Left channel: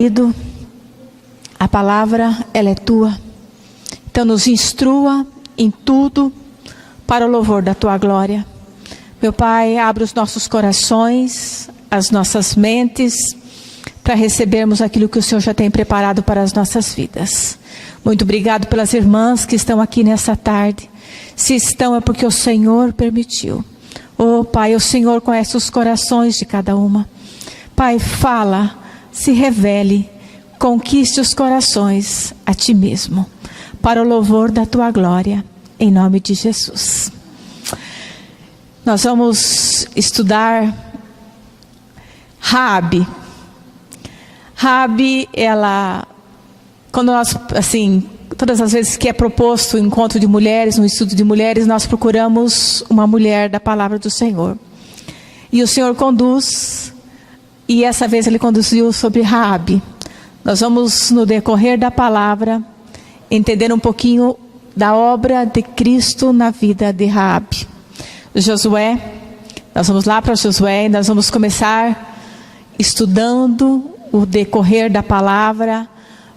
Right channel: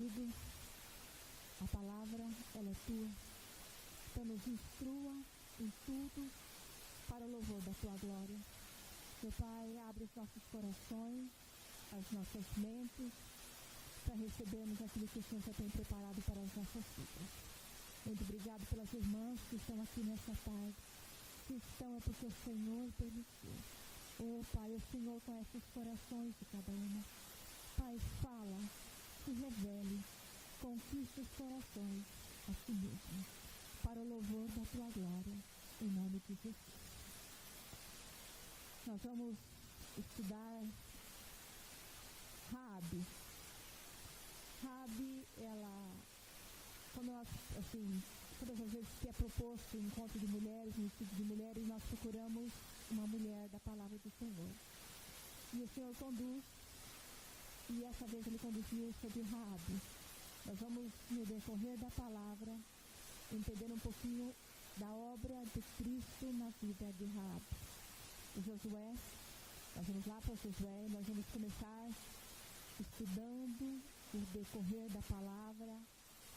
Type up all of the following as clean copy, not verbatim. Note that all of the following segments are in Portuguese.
Querido, a palavra, ela é tua. Então nos instrua em tudo para o louvor da tua glória. Meu Pai, abre os nossos corações, as nossas mentes, para recebermos aquilo que o Senhor já tem preparado para as nossas vidas. Muito obrigado pelas irmãs que estão aqui nessa tarde. Se estão é porque o Senhor permitiu. Oh Pai, o Senhor conhece os corações de cada uma. Pai, fala, se revele, conquiste os corações a Ti mesmo, para o louvor da Tua glória, em nome de Jesus. Nós vamos estudar Raabe. Raabe, ela, quando nós, todas as vezes que é proposto o encontro de mulheres, um estudo de mulheres, nós procuramos uma mulher da palavra do Senhor. E o Senhor conduz, e essa vez Ele conduziu sobre Raabe. Nós vamos, no decorrer da palavra, entender um pouquinho da obra de Cristo na vida de Raabe. Josué, nós vamos lá para Josué e nós vamos começar estudando o decorrer da palavra.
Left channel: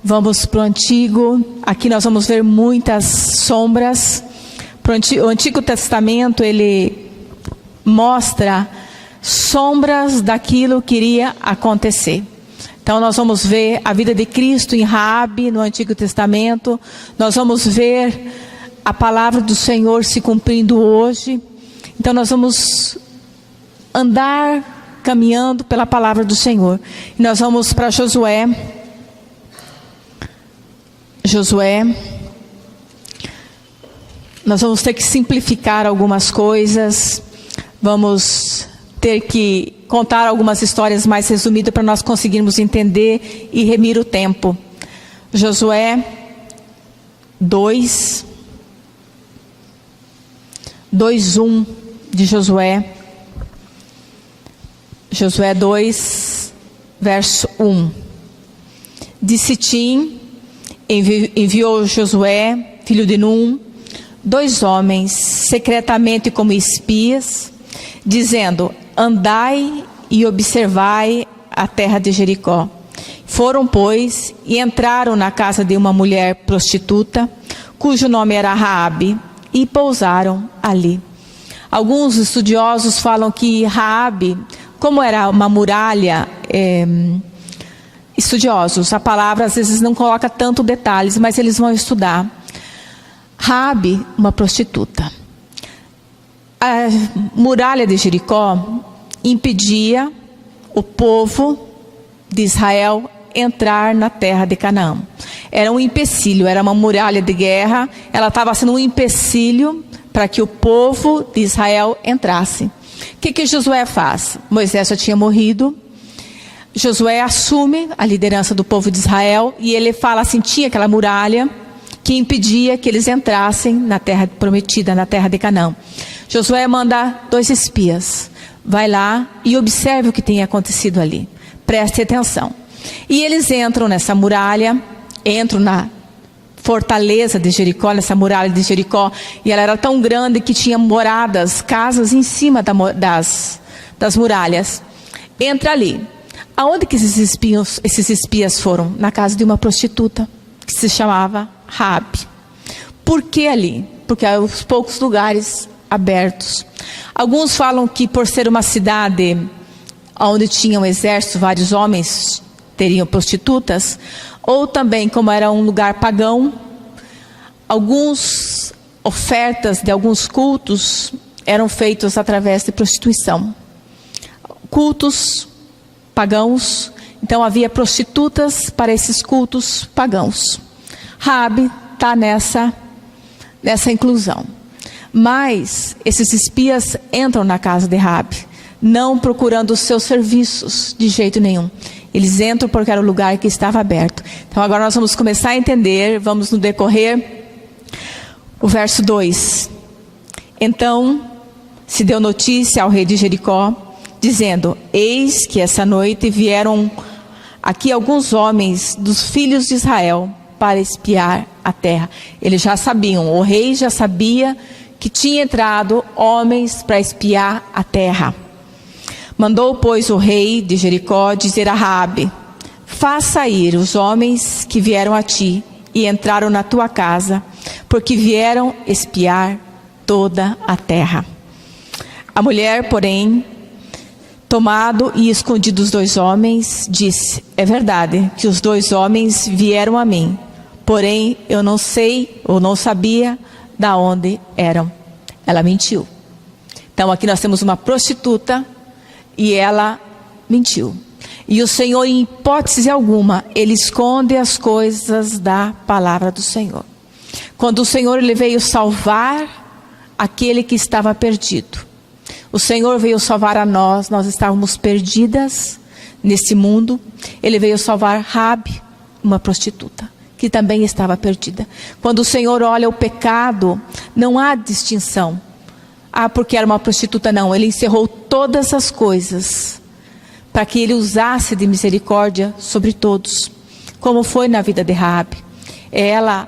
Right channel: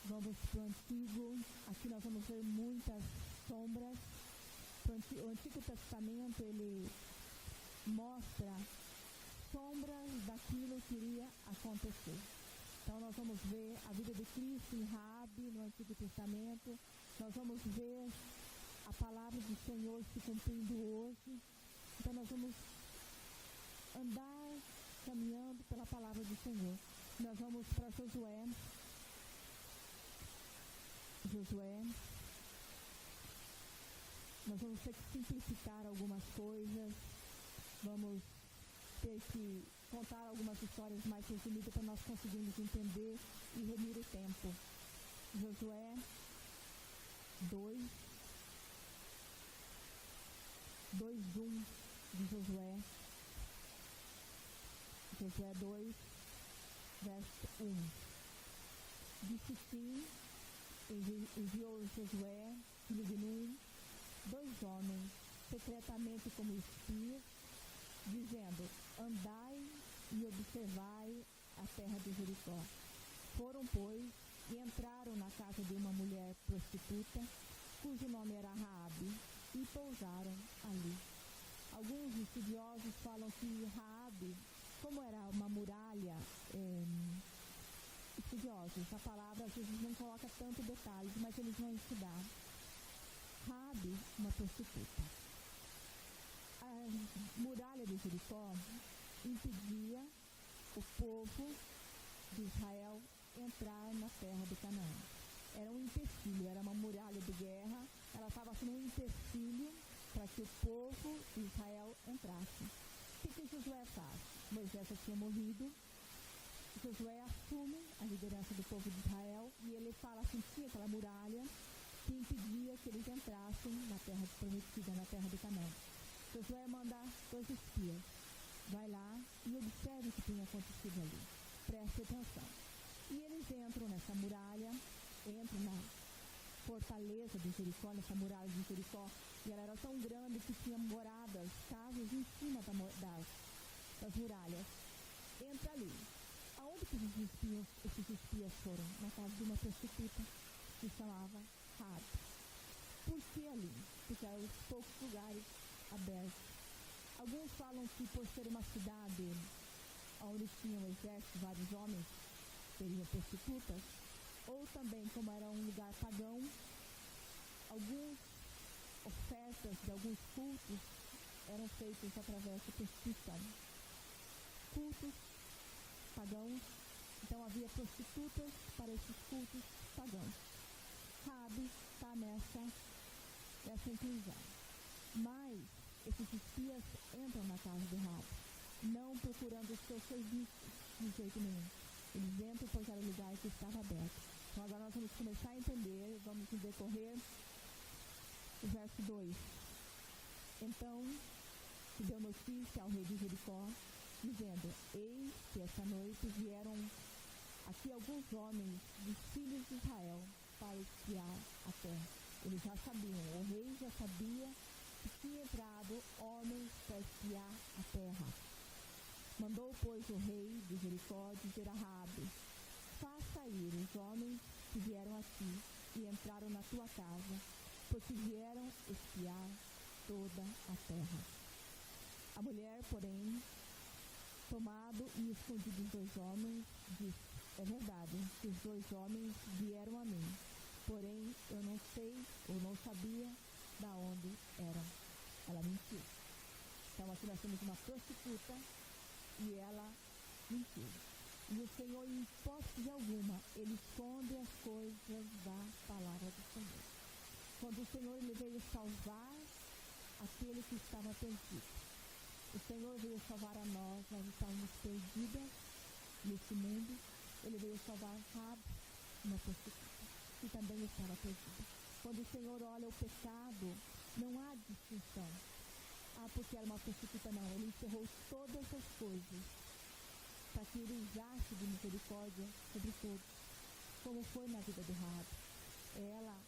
Vamos para o Antigo, aqui nós vamos ver muitas sombras. O Antigo Testamento, ele mostra sombras daquilo que iria acontecer. Então nós vamos ver a vida de Cristo em Raabe no Antigo Testamento. Nós vamos ver a palavra do Senhor se cumprindo hoje. Então nós vamos andar caminhando pela palavra do Senhor. E nós vamos para Josué. Nós vamos ter que simplificar algumas coisas. Vamos ter que contar algumas histórias mais resumidas para nós conseguirmos entender e remir o tempo. Josué 2:1 de Josué. Josué 2, verso 1. De Sitim enviou Josué, filho de Num, 2 homens, secretamente como espias, dizendo: andai e observai a terra de Jericó. Foram, pois, e entraram na casa de uma mulher prostituta, cujo nome era Raabe, e pousaram ali. Alguns estudiosos falam que Raabe, como era uma muralha, estudiosos, a palavra às vezes não coloca tanto detalhes, mas eles vão estudar. Raabe, uma prostituta. A muralha de Jericó impedia o povo de Israel entrar na terra de Canaã. Era um empecilho, era uma muralha de guerra, ela estava sendo um empecilho para que o povo de Israel entrasse. O que Josué faz? Moisés já tinha morrido. Josué assume a liderança do povo de Israel e ele fala assim: tinha aquela muralha que impedia que eles entrassem na terra prometida, na terra de Canaã. Josué manda 2 espias. Vai lá e observe o que tem acontecido ali. Preste atenção. E eles entram nessa muralha, entram na fortaleza de Jericó, nessa muralha de Jericó, e ela era tão grande que tinha moradas, casas em cima das muralhas. Entra ali. Aonde que esses espias foram? Na casa de uma prostituta, que se chamava Raabe. Por que ali? Porque há os poucos lugares abertos. Alguns falam que por ser uma cidade onde tinha um exército, vários homens teriam prostitutas, ou também como era um lugar pagão, algumas ofertas de alguns cultos eram feitos através de prostituição. Cultos pagãos, então havia prostitutas para esses cultos pagãos. Raabe está nessa inclusão. Mas esses espias entram na casa de Raabe, não procurando os seus serviços de jeito nenhum. Eles entram porque era o lugar que estava aberto. Então agora nós vamos começar a entender, vamos no decorrer, o verso 2. Então se deu notícia ao rei de Jericó, dizendo: eis que essa noite vieram aqui alguns homens dos filhos de Israel para espiar a terra. Eles já sabiam, o rei já sabia que tinha entrado homens para espiar a terra. Mandou, pois, o rei de Jericó dizer a Raabe: faz sair os homens que vieram a ti e entraram na tua casa, porque vieram espiar toda a terra. A mulher, porém, tomado e escondido os 2 homens, disse: é verdade que os 2 homens vieram a mim, porém eu não sei ou não sabia da onde eram. Ela mentiu. Então aqui nós temos uma prostituta e ela mentiu. E o Senhor, em hipótese alguma, Ele esconde as coisas da palavra do Senhor. Quando o Senhor Ele veio salvar aquele que estava perdido, o Senhor veio salvar a nós estávamos perdidas nesse mundo. Ele veio salvar Raabe, uma prostituta, que também estava perdida. Quando o Senhor olha o pecado, não há distinção. Porque era uma prostituta, não. Ele encerrou todas as coisas para que Ele usasse de misericórdia sobre todos, como foi na vida de Raabe. Ela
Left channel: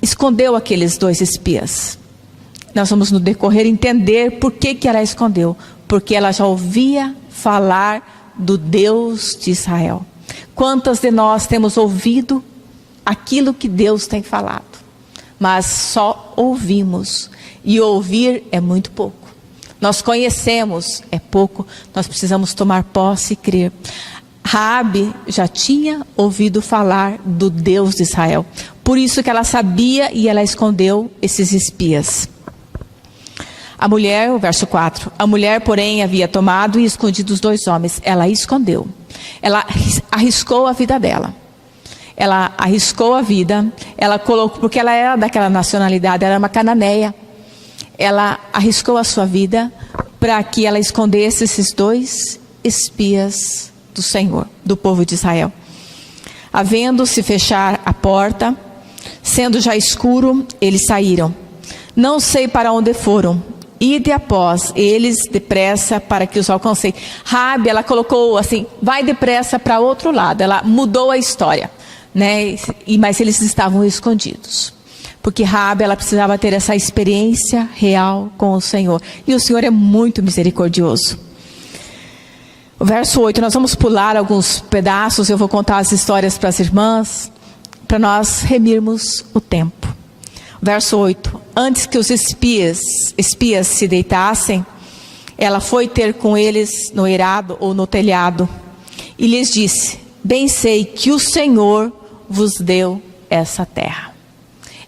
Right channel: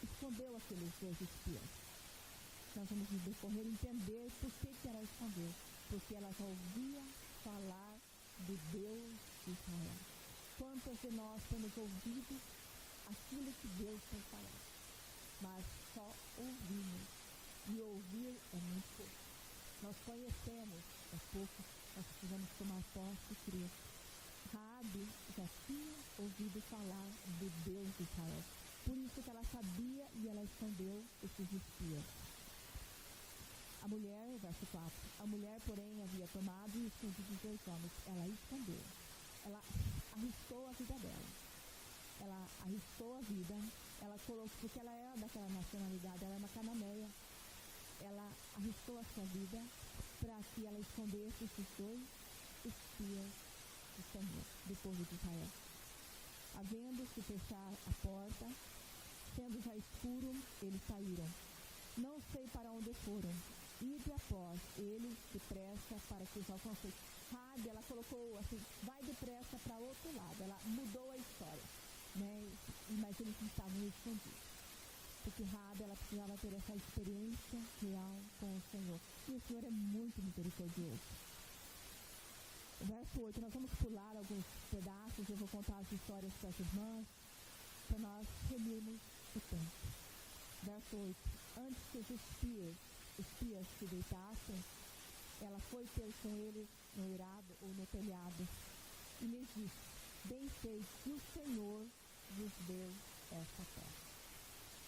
escondeu aqueles 2 espias. Nós vamos no decorrer entender por que ela escondeu. Porque ela já ouvia falar do Deus de Israel. Quantas de nós temos ouvido aquilo que Deus tem falado, mas só ouvimos, e ouvir é muito pouco. Nós conhecemos, é pouco. Nós precisamos tomar posse e crer. Raabe já tinha ouvido falar do Deus de Israel, por isso que ela sabia e ela escondeu esses espias. A mulher, o verso 4, a mulher, porém, havia tomado e escondido os 2 homens. Ela escondeu. Ela arriscou a vida dela. Ela arriscou a vida. Ela colocou, porque ela era daquela nacionalidade, ela era uma cananeia. Ela arriscou a sua vida para que ela escondesse esses 2 espias do Senhor, do povo de Israel. Havendo-se fechar a porta, sendo já escuro, eles saíram. Não sei para onde foram. Ide após eles depressa para que os alcancei. Raabe, ela colocou assim, vai depressa para outro lado. Ela mudou a história, né? Mas eles estavam escondidos. Porque Raabe, ela precisava ter essa experiência real com o Senhor. E o Senhor é muito misericordioso. O verso 8, nós vamos pular alguns pedaços. Eu vou contar as histórias para as irmãs, para nós remirmos o tempo. Verso 8, antes que os espias se deitassem, ela foi ter com eles no eirado ou no telhado, e lhes disse: bem sei que o Senhor vos deu essa terra.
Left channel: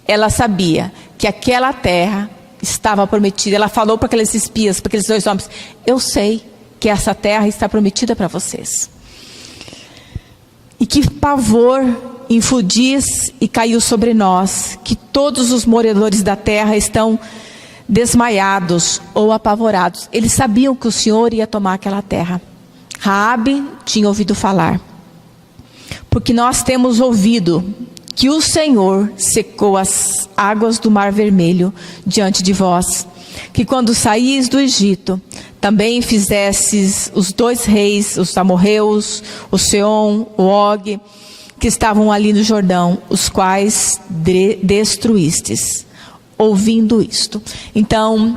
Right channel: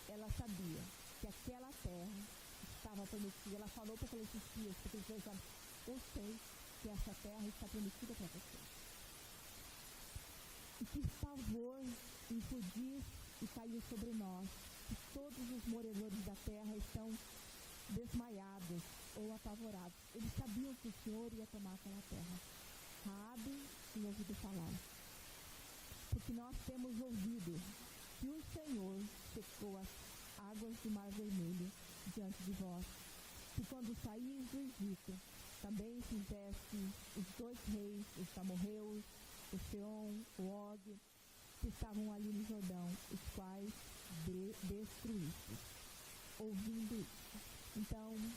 Ela sabia que aquela terra estava prometida. Ela falou para aqueles espias, para aqueles 2 homens: eu sei que essa terra está prometida para vocês. E que pavor infundiz e caiu sobre nós, que todos os moradores da terra estão desmaiados ou apavorados. Eles sabiam que o Senhor ia tomar aquela terra. Raabe tinha ouvido falar. Porque nós temos ouvido que o Senhor secou as águas do Mar Vermelho diante de vós, que quando saís do Egito, também fizestes os 2 reis, os amorreus, o Seom, o Og, que estavam ali no Jordão, os quais destruístes. Ouvindo isto, então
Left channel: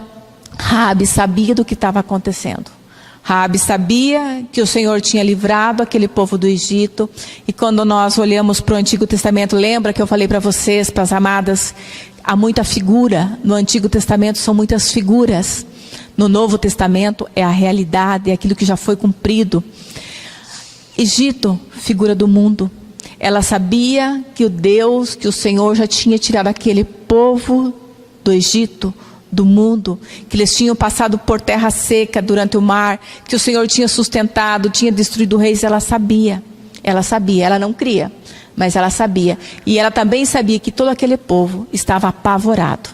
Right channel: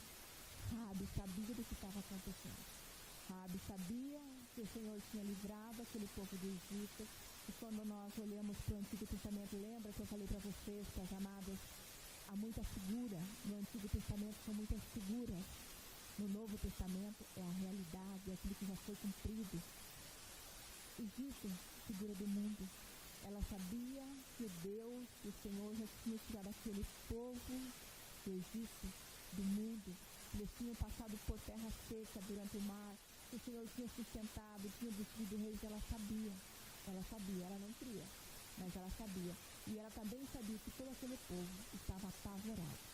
Raabe sabia do que estava acontecendo. Raabe sabia que o Senhor tinha livrado aquele povo do Egito. E quando nós olhamos para o Antigo Testamento, lembra que eu falei para vocês, para as amadas, há muita figura. No Antigo Testamento são muitas figuras. No Novo Testamento é a realidade, é aquilo que já foi cumprido. Egito, figura do mundo. Ela sabia que o Deus, que o Senhor já tinha tirado aquele povo do Egito, do mundo, que eles tinham passado por terra seca durante o mar, que o Senhor tinha sustentado, tinha destruído reis. Ela sabia, ela não cria, mas ela sabia. E ela também sabia que todo aquele povo estava apavorado.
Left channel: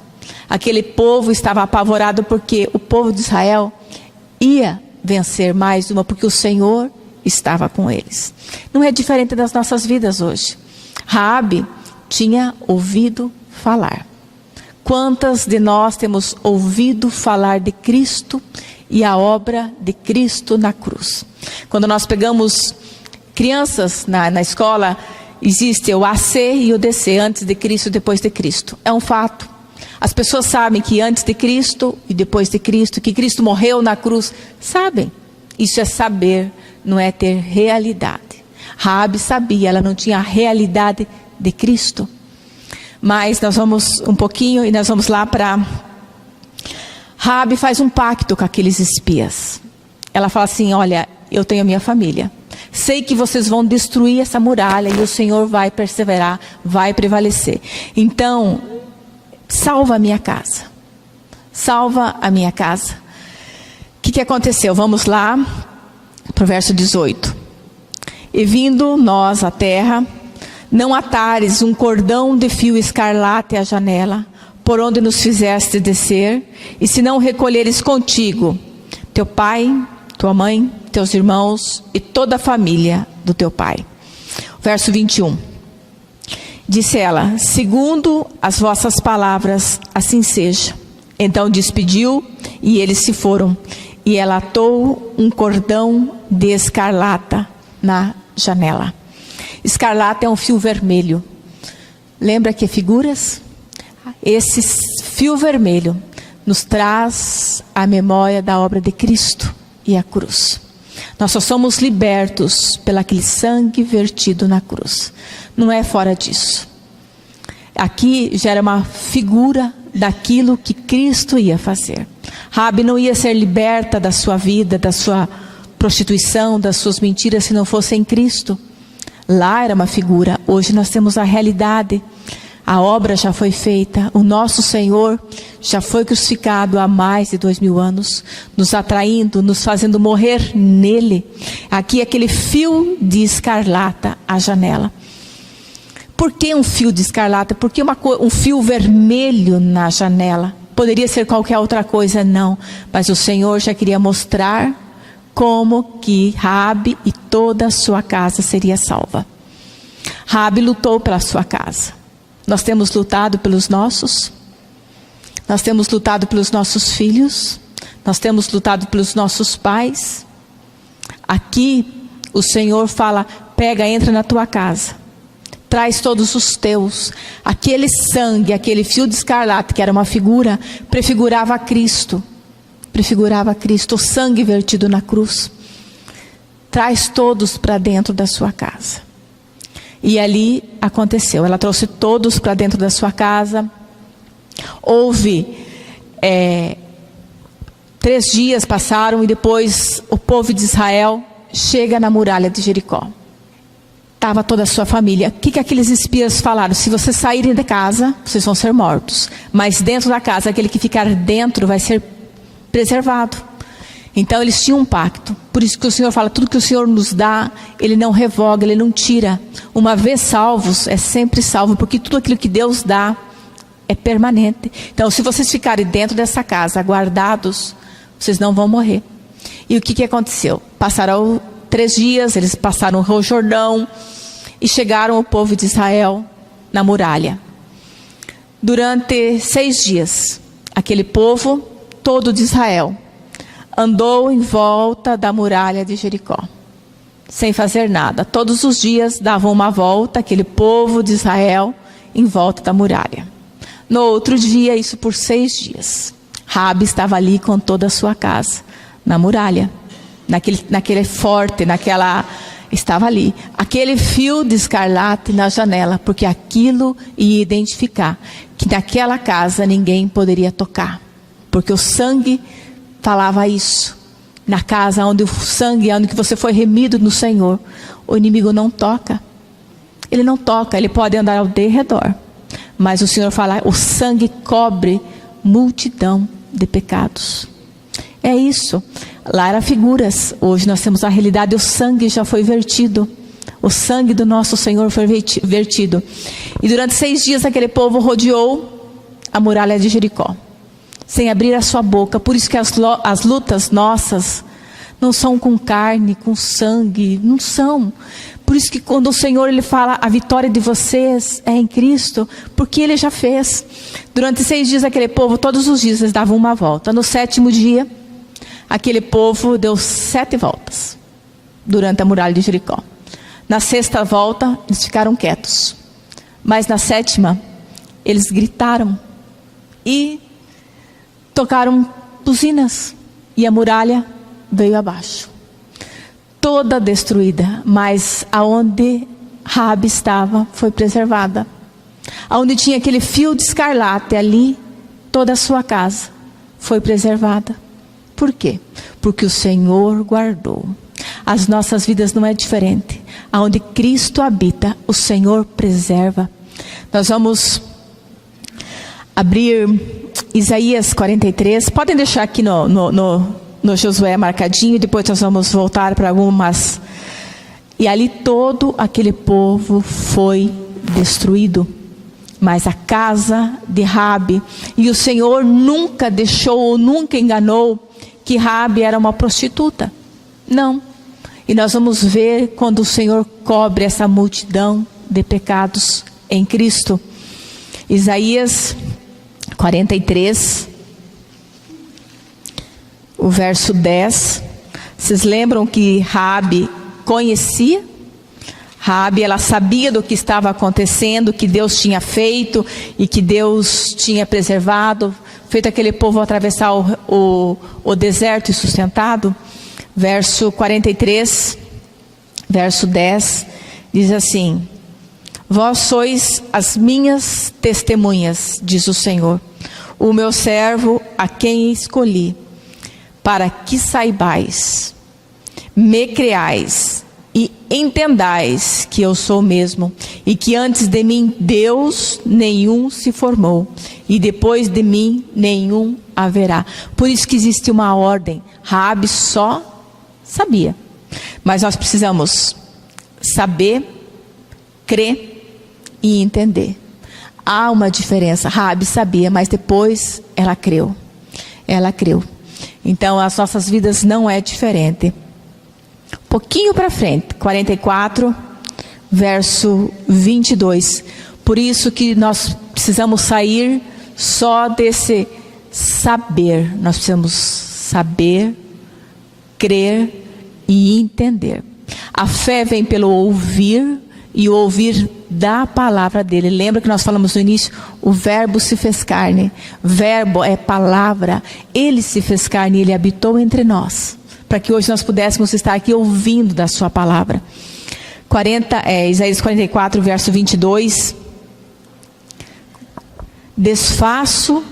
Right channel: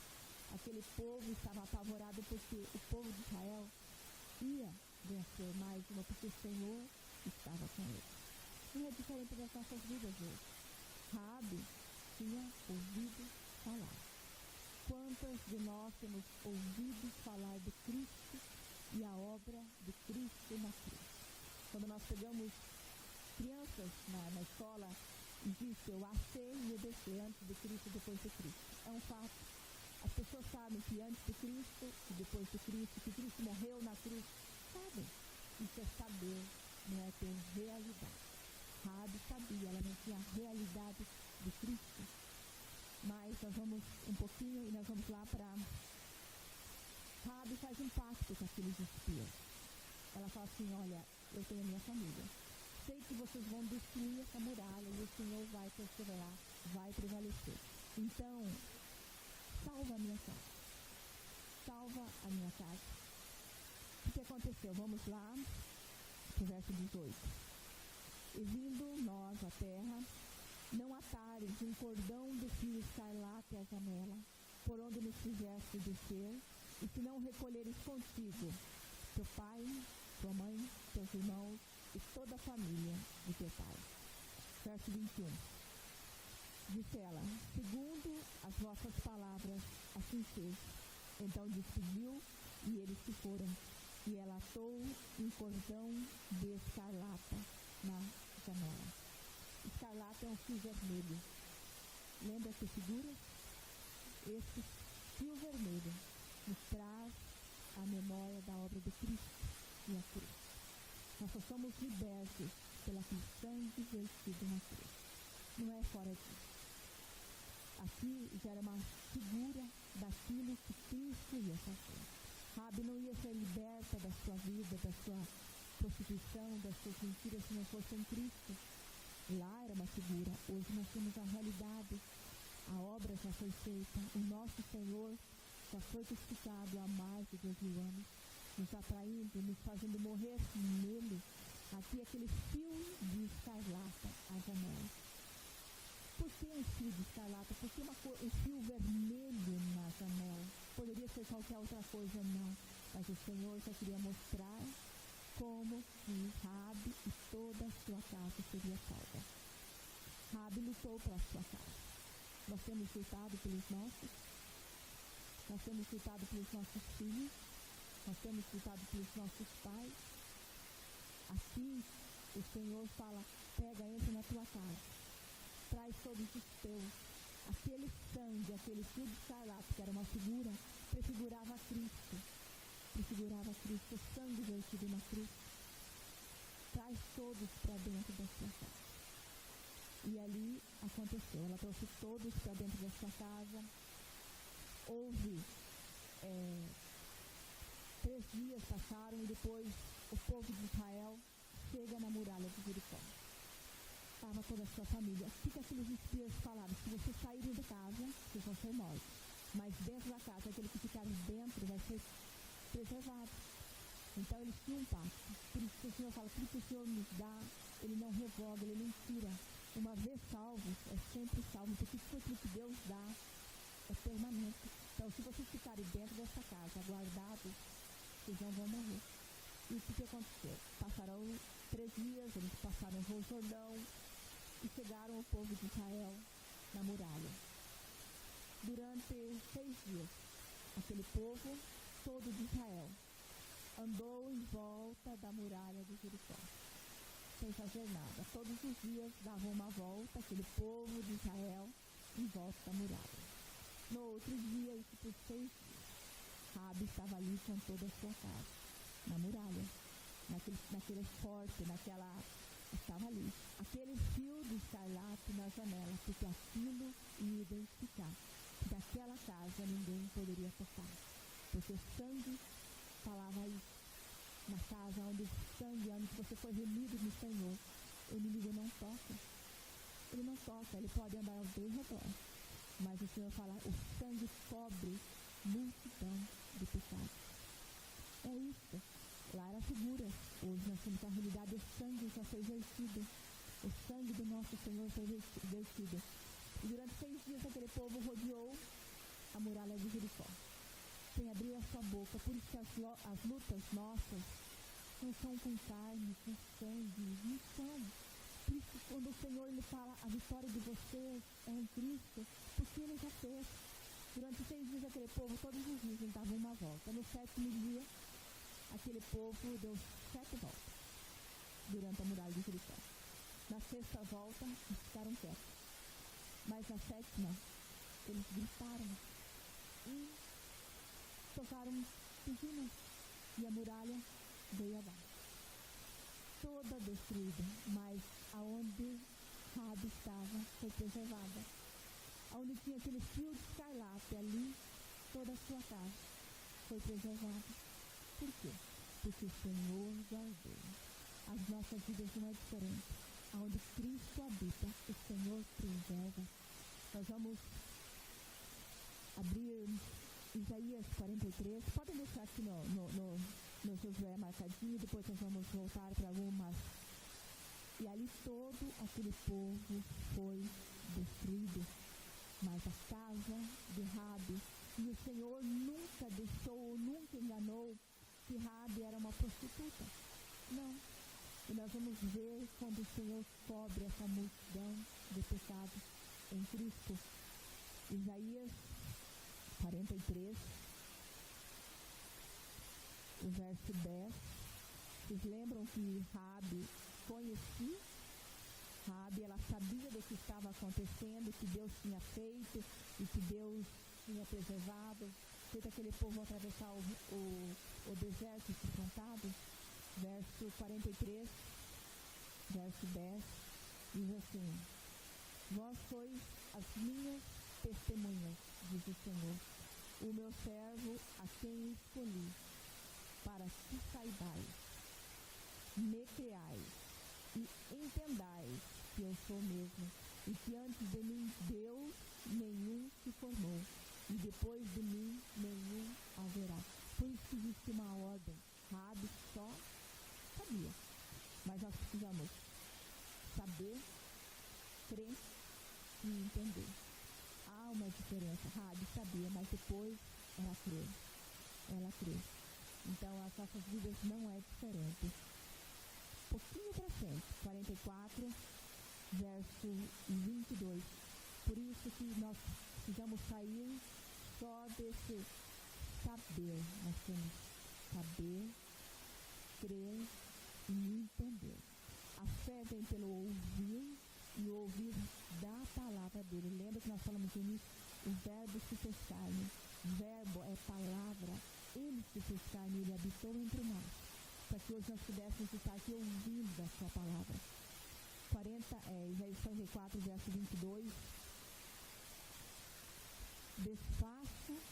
Aquele povo estava apavorado porque o povo de Israel ia vencer mais uma, porque o Senhor estava com eles. Não é diferente das nossas vidas hoje. Raabe tinha ouvido falar. Quantas de nós temos ouvido falar de Cristo e a obra de Cristo na cruz? Quando nós pegamos crianças na escola, existe o AC e o DC, antes de Cristo e depois de Cristo. É um fato. As pessoas sabem que antes de Cristo e depois de Cristo, que Cristo morreu na cruz. Sabem. Isso é saber, não é ter realidade. Raabe sabia, ela não tinha a realidade de Cristo. Mas nós vamos um pouquinho e nós vamos lá para... Raabe faz um pacto com aqueles espias. Ela fala assim: olha, eu tenho a minha família. Sei que vocês vão destruir essa muralha e o Senhor vai perseverar, vai prevalecer. Então, salva a minha casa. Salva a minha casa. O que aconteceu? Vamos lá para o verso 18. E vindo nós à terra, não atares um cordão de fio escarlate à janela, por onde nos fizeste descer, e se não recolheres contigo teu pai, tua mãe, teus irmãos e toda a família do teu pai. Verso 21. Disse ela: segundo as vossas palavras, assim seja. Então despediu e eles se foram. E ela atou um cordão de escarlata na janela. Escarlata é um fio vermelho. Lembra que figuras? Esse fio vermelho nos traz a memória da obra de Cristo e a cruz. Nós só somos libertos pelo aquele sangue vertido na cruz. Não é fora disso. Aqui já era uma figura daquilo que Cristo ia fazer. Raabe não ia ser liberta da sua vida, da sua prostituição, das suas mentiras, se não fosse em Cristo. Lá era uma figura, hoje nós temos a realidade. A obra já foi feita, o nosso Senhor já foi crucificado há mais de 2000 anos, nos atraindo, nos fazendo morrer nele. Aqui aquele fio de escarlata à janela. Por que um fio de escarlata? Por que um fio vermelho na janela? Poderia ser qualquer outra coisa, não. Mas o Senhor já queria mostrar como que Raabe e toda a sua casa seria salva. Raabe lutou pela sua casa. Nós temos lutado pelos nossos. Nós temos lutado pelos nossos filhos. Nós temos lutado pelos nossos pais. Aqui o Senhor fala: pega, entra na tua casa. Traz todos os teus. Aquele sangue, aquele fio de escarlate, que era uma figura, prefigurava a Cristo. Prefigurava a Cristo, o sangue vertido na cruz. Traz todos para dentro da sua casa. E ali aconteceu. Ela trouxe todos para dentro da sua casa. Houve 3 dias passaram e depois o povo de Israel chega na muralha de Jericó. Estava toda a sua família. O que aqueles espias falaram? Se vocês saírem da casa, vocês vão ser mortos. Mas dentro da casa, aquele que ficar dentro vai ser preservado. Então eles tinham um pacto. Por isso que o Senhor fala: tudo que o Senhor nos dá, Ele não revoga, Ele não tira. Uma vez salvos, é sempre salvo, porque tudo aquilo que Deus dá é permanente. Então, se vocês ficarem dentro dessa casa, guardados, vocês não vão morrer. E o que aconteceu? Passaram 3 dias, eles passaram o Rio Jordão e chegaram o povo de Israel na muralha. Durante 6 dias, aquele povo todo de Israel andou em volta da muralha de Jericó, sem fazer nada. Todos os dias davam uma volta, aquele povo de Israel, em volta da muralha. No outro dia, isso por 6 dias, Raabe estava ali com toda a sua casa, na muralha, naquele forte, estava ali. Aquele fio de escarlate na janela, porque aquilo ia identificar que naquela casa ninguém poderia tocar. Porque o sangue falava isso. Na casa onde o sangue, onde você foi remido no Senhor, o inimigo não toca. Ele não toca, ele pode andar ao derredor. Mas o Senhor fala: o sangue cobre multidão de pecados. É isso. Lá eram figuras. Hoje nós temos a realidade, o sangue já foi vertido. O sangue do nosso Senhor foi vertido. E durante 6 dias aquele povo rodeou a muralha de Jericó, sem abrir a sua boca. Por isso que as lutas nossas não são com carne, com sangue, não são. Por isso que quando o Senhor Ele fala: a vitória de vocês é em Cristo, porque Ele já fez. Durante 6 dias aquele povo, todos os dias eles davam uma volta. No 7º dia, aquele povo deu 7 voltas durante a muralha de Jericó. Na 6ª volta, eles ficaram quietos. Mas na 7ª, eles gritaram e tocaram buzinas, e a muralha veio abaixo. toda destruída, mas aonde Raabe estava foi preservada. Aonde tinha aquele fio de escarlate, ali toda a sua casa foi preservada. Por quê? Porque o Senhor guardou. As nossas vidas não é diferente. Aonde Cristo habita, o Senhor preserva. Nós vamos abrir Isaías 43. Podem deixar aqui no Josué marcadinho. Depois nós vamos voltar para algumas. E ali todo aquele povo foi destruído. Mas a casa de Raabe, e o Senhor nunca deixou ou nunca enganou que Raabe era uma prostituta. Não. E nós vamos ver quando o Senhor cobre essa multidão de pecados em Cristo. Isaías 43, o verso 10. Vocês lembram que Raabe conhecia? Raabe, ela sabia do que estava acontecendo, que Deus tinha feito e que Deus tinha preservado, feito aquele povo atravessar o deserto e sustentado. Verso 43, verso 10, diz assim: vós sois as minhas testemunhas, diz o Senhor, o meu servo a quem escolhi, para que saibais, me creais e entendais que eu sou o mesmo, e que antes de mim Deus nenhum se formou, e depois de mim nenhum haverá. Por isso que existe uma ordem. Raabe só sabia, mas nós precisamos saber, crer e entender. Há uma diferença. Raabe sabia, mas depois ela creu. Ela creu. Então as nossas vidas não é diferente. Um pouquinho para frente, 44, verso 22. Por isso que nós precisamos sair só desse saber. Nós precisamos saber, crer e entender. A fé vem pelo ouvir, e o ouvir da palavra dele. Lembra que nós falamos no início? O verbo se fez carne. Verbo é palavra. Ele se fez carne e ele habitou entre nós, para que hoje nós pudéssemos estar aqui ouvindo da sua palavra. Isaías 44, verso 22. Desfaço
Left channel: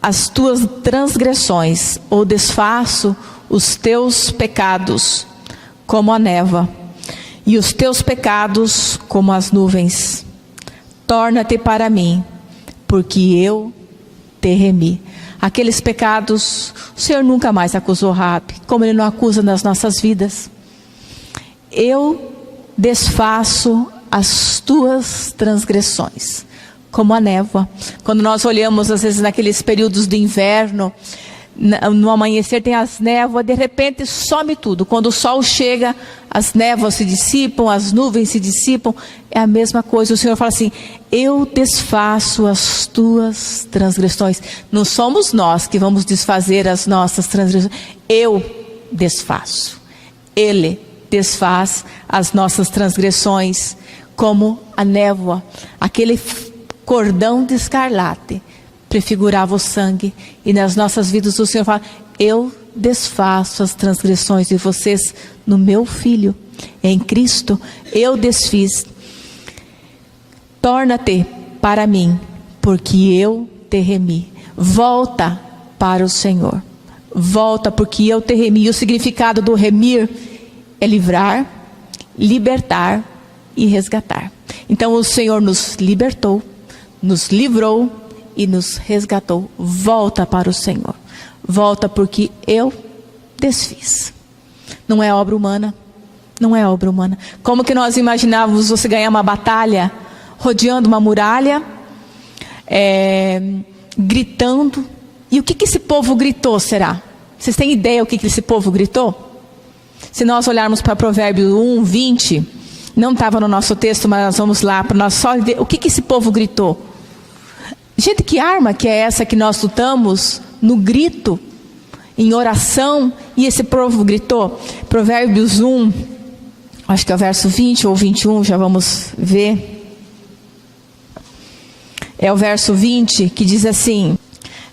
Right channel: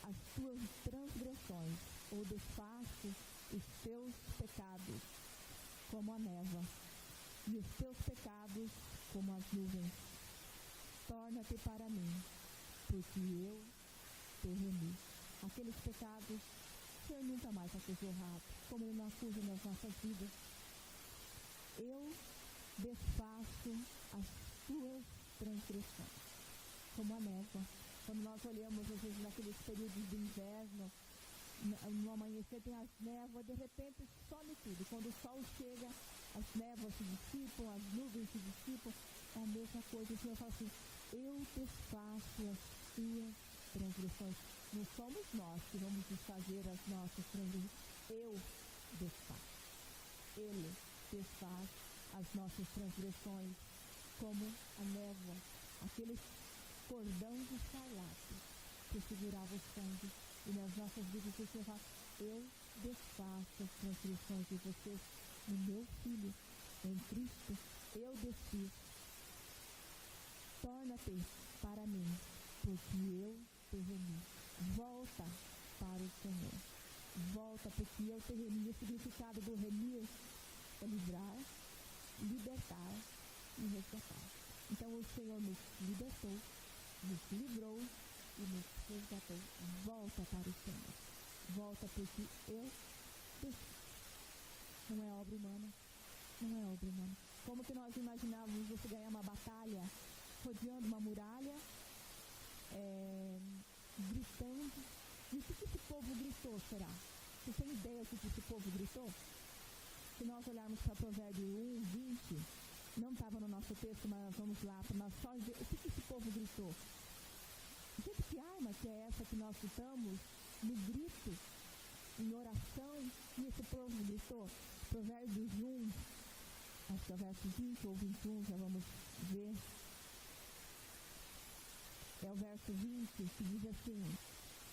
as tuas transgressões, ou desfaço os teus pecados como a névoa, e os teus pecados como as nuvens. Torna-te para mim, porque eu te remi. Aqueles pecados, o Senhor nunca mais acusou Raabe, como Ele não acusa nas nossas vidas. Eu desfaço as tuas transgressões, como a névoa. Quando nós olhamos, às vezes, naqueles períodos de inverno, no amanhecer tem as névoas, de repente some tudo. Quando o sol chega, as névoas se dissipam, as nuvens se dissipam. É a mesma coisa. O Senhor fala assim: eu desfaço as tuas transgressões. Não somos nós que vamos desfazer as nossas transgressões. Eu desfaço. Ele desfaz as nossas transgressões como a névoa. Aquele cordão de escarlate prefigurava o sangue. E nas nossas vidas o Senhor fala: eu desfaço as transgressões de vocês no meu Filho. Em Cristo eu desfiz. Torna-te para mim, porque eu te remi. Volta para o Senhor. Volta, porque eu te remi. E o significado do remir é livrar, libertar e resgatar. Então o Senhor nos libertou, nos livrou e nos resgatou. Volta para o Senhor. Volta, porque eu desfiz. Não é obra humana. Não é obra humana. Como que nós imaginávamos você ganhar uma batalha rodeando uma muralha, gritando? E o que esse povo gritou, será? Vocês têm ideia o que esse povo gritou? Se nós olharmos para Provérbios 1, 20, não estava no nosso texto, mas nós vamos lá para nós só ver o que esse povo gritou. Gente, que arma que é essa que nós lutamos no grito, em oração, e esse povo gritou? Provérbios 1, acho que é o verso 20 ou 21, já vamos ver. É o verso 20 que diz assim:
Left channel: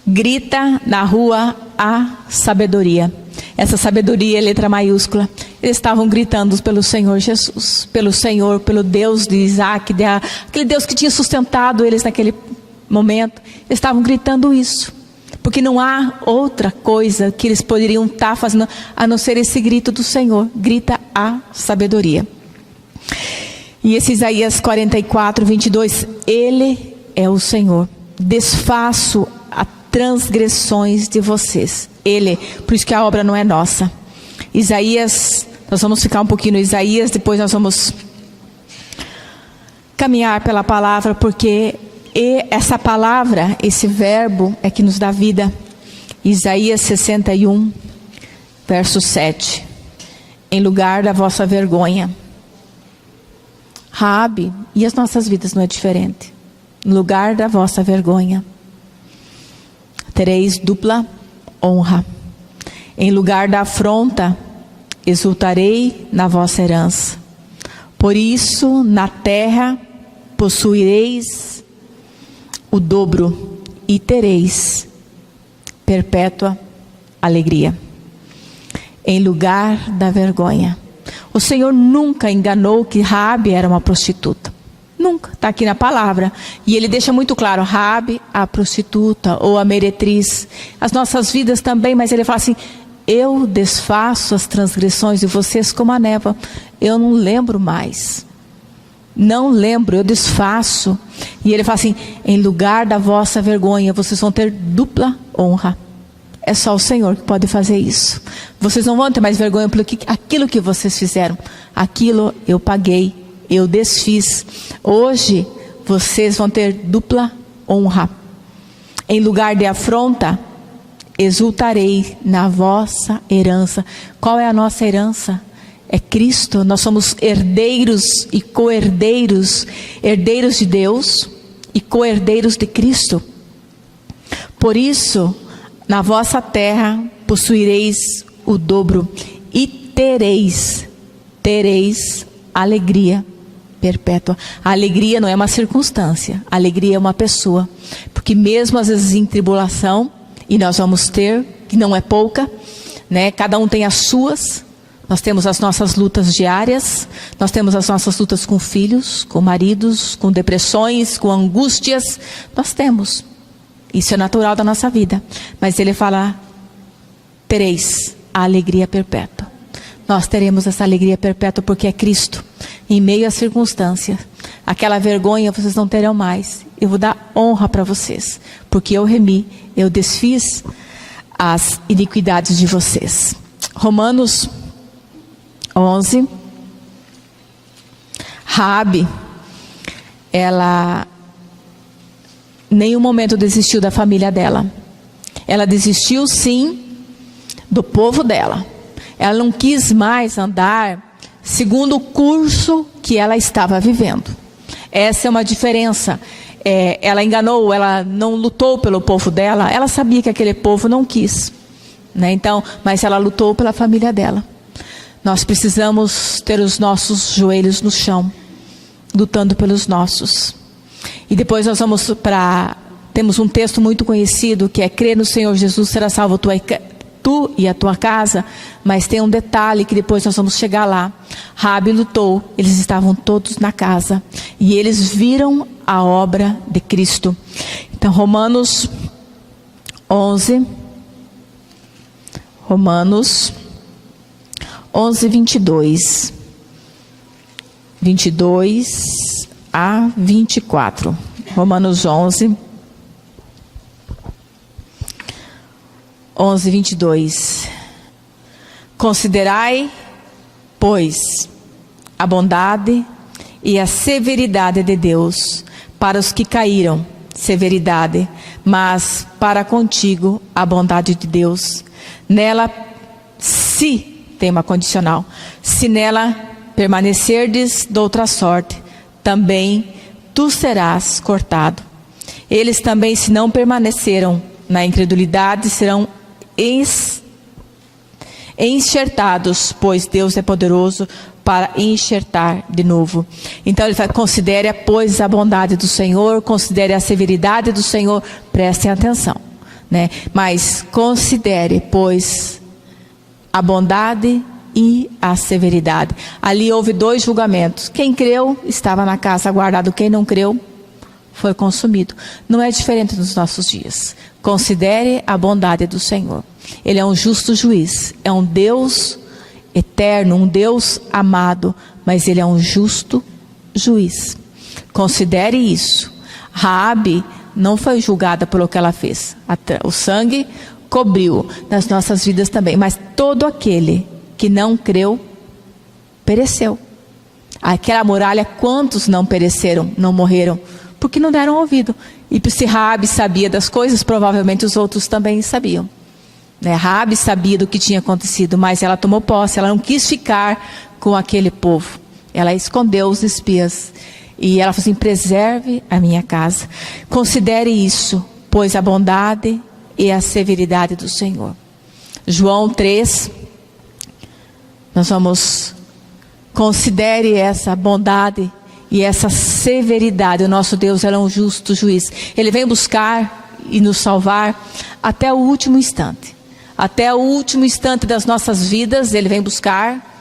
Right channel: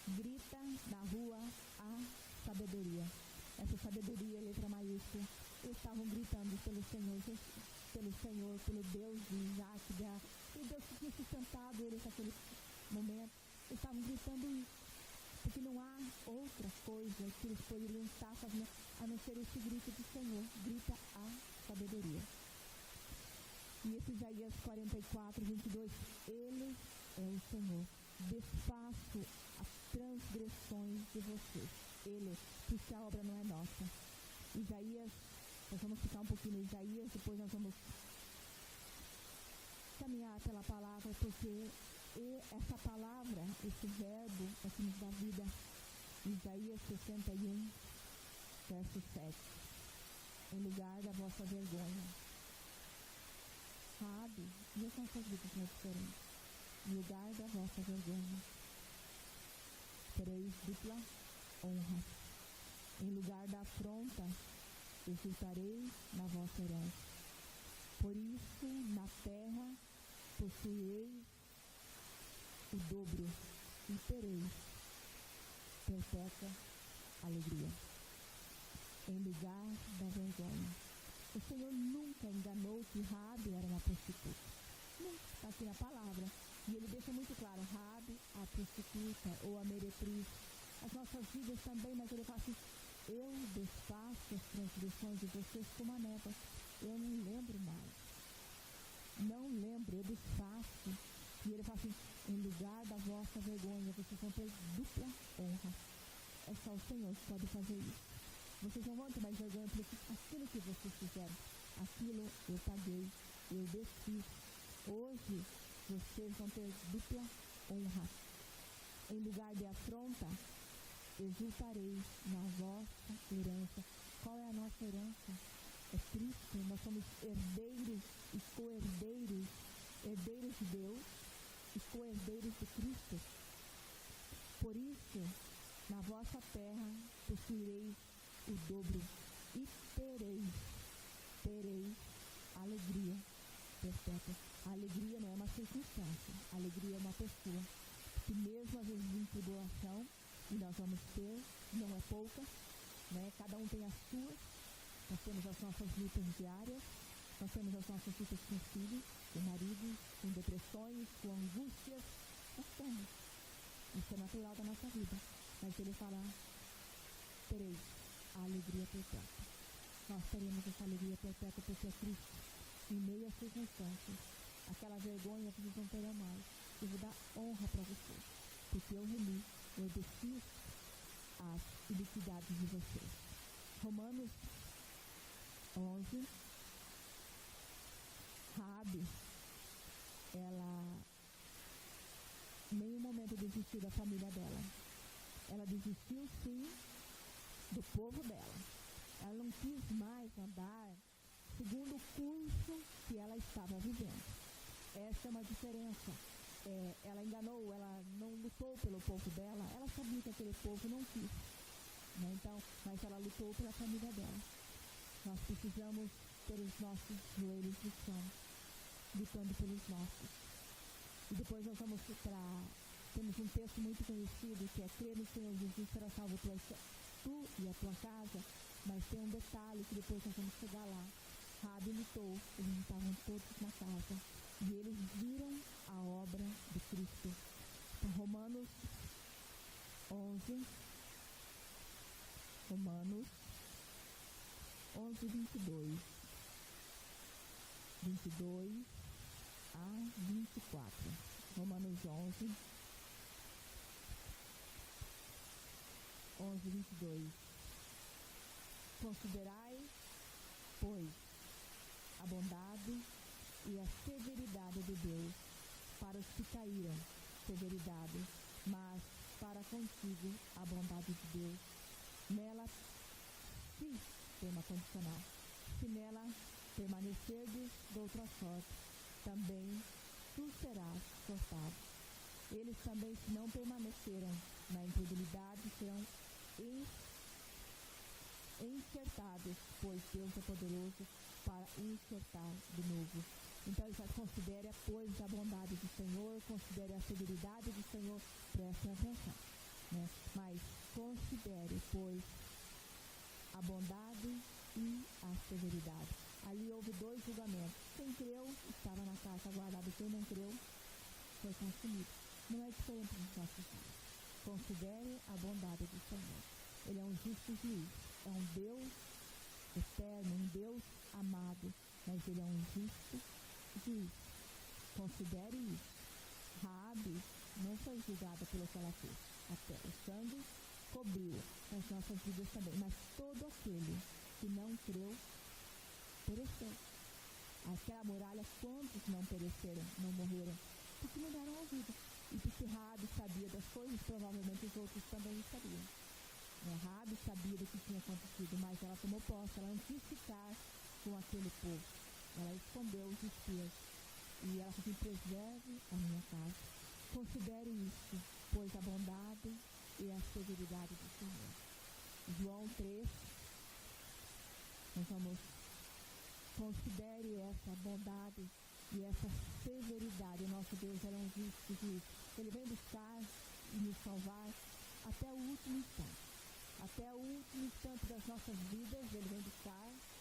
grita na rua a sabedoria, Essa sabedoria é letra maiúscula. Eles estavam gritando pelo Senhor Jesus, pelo Senhor, pelo Deus de Isaac, aquele Deus que tinha sustentado eles naquele momento. Eles estavam gritando isso, porque não há outra coisa que eles poderiam estar fazendo a não ser esse grito do Senhor. Grita a sabedoria. E esse Isaías 44, 22, Ele é o Senhor, desfaço as transgressões de vocês. Ele, por isso que a obra não é nossa. Isaías, nós vamos ficar um pouquinho no Isaías, depois nós vamos caminhar pela palavra, porque essa palavra, esse verbo é que nos dá vida. Isaías 61, verso 7. Em lugar da vossa vergonha. Raabe, e as nossas vidas não é diferente. Em lugar da vossa vergonha, tereis dupla honra. Em lugar da afronta, exultarei na vossa herança. Por isso, na terra, possuireis o dobro e tereis perpétua alegria. Em lugar da vergonha. O Senhor nunca enganou que Raabe era uma prostituta. Nunca, está aqui na palavra. E Ele deixa muito claro, Raabe, a prostituta ou a meretriz. As nossas vidas também, mas Ele fala assim, eu desfaço as transgressões de vocês como a névoa. Eu não lembro mais. Não lembro, eu desfaço. E Ele fala assim, em lugar da vossa vergonha, vocês vão ter dupla honra. É só o Senhor que pode fazer isso. Vocês não vão ter mais vergonha pelo aquilo que vocês fizeram. Aquilo eu paguei, eu desfiz. Hoje vocês vão ter dupla honra. Em lugar de afronta, exultarei na vossa herança. Qual é a nossa herança? É Cristo. Nós somos herdeiros e co-herdeiros. Herdeiros de Deus e co-herdeiros de Cristo. Por isso, na vossa terra possuireis o dobro e tereis alegria perpétua. A alegria não é uma circunstância, a alegria é uma pessoa. Porque mesmo às vezes em tribulação, e nós vamos ter, que não é pouca, né? Cada um tem as suas. Nós temos as nossas lutas diárias, nós temos as nossas lutas com filhos, com maridos, com depressões, com angústias. Nós temos. Isso é natural da nossa vida. Mas Ele fala, tereis a alegria perpétua. Nós teremos essa alegria perpétua porque é Cristo. Em meio às circunstâncias. Aquela vergonha vocês não terão mais. Eu vou dar honra para vocês. Porque eu remi, eu desfiz as iniquidades de vocês. Romanos 11. Raabe, ela nenhum momento desistiu da família dela. Ela desistiu sim do povo dela. Ela não quis mais andar segundo o curso que ela estava vivendo. Essa é uma diferença. Ela enganou, ela não lutou pelo povo dela. Ela sabia que aquele povo não quis, né? Então, mas ela lutou pela família dela. Nós precisamos ter os nossos joelhos no chão, lutando pelos nossos. E depois nós vamos temos um texto muito conhecido, que é crer no Senhor Jesus, será salvo tu e a tua casa. Mas tem um detalhe que depois nós vamos chegar lá. Raabe lutou, eles estavam todos na casa. E eles viram a obra de Cristo. Então Romanos 11, 22. 22 a 24. Romanos 11, 22. Considerai, pois, a bondade e a severidade de Deus para os que caíram, severidade, mas para contigo a bondade de Deus. Nela, se tem uma condicional, se nela permanecerdes de outra sorte, também tu serás cortado. Eles também, se não permaneceram na incredulidade, serão enxertados, pois Deus é poderoso para enxertar de novo. Então ele fala, considere, pois, a bondade do Senhor, considere a severidade do Senhor, prestem atenção, né? Mas considere, pois, a bondade e a severidade. Ali houve 2 julgamentos. Quem creu estava na casa guardado, quem não creu foi consumido. Não é diferente nos nossos dias. Considere a bondade do Senhor. Ele é um justo juiz, é um Deus eterno, um Deus amado, mas Ele é um justo juiz. Considere isso. Raabe não foi julgada pelo que ela fez. O sangue cobriu nas nossas vidas também, mas todo aquele que não creu, pereceu. Aquela muralha, quantos não pereceram, não morreram? Porque não deram ouvido. E se Raabe sabia das coisas, provavelmente os outros também sabiam. Raabe sabia do que tinha acontecido, mas ela tomou posse, ela não quis ficar com aquele povo. Ela escondeu os espias. E ela falou assim: preserve a minha casa. Considere isso, pois a bondade e a severidade do Senhor. João 3, nós vamos, considere essa bondade e essa severidade. O nosso Deus é um justo juiz. Ele vem buscar e nos salvar até o último instante. Até o último instante das nossas vidas, Ele vem buscar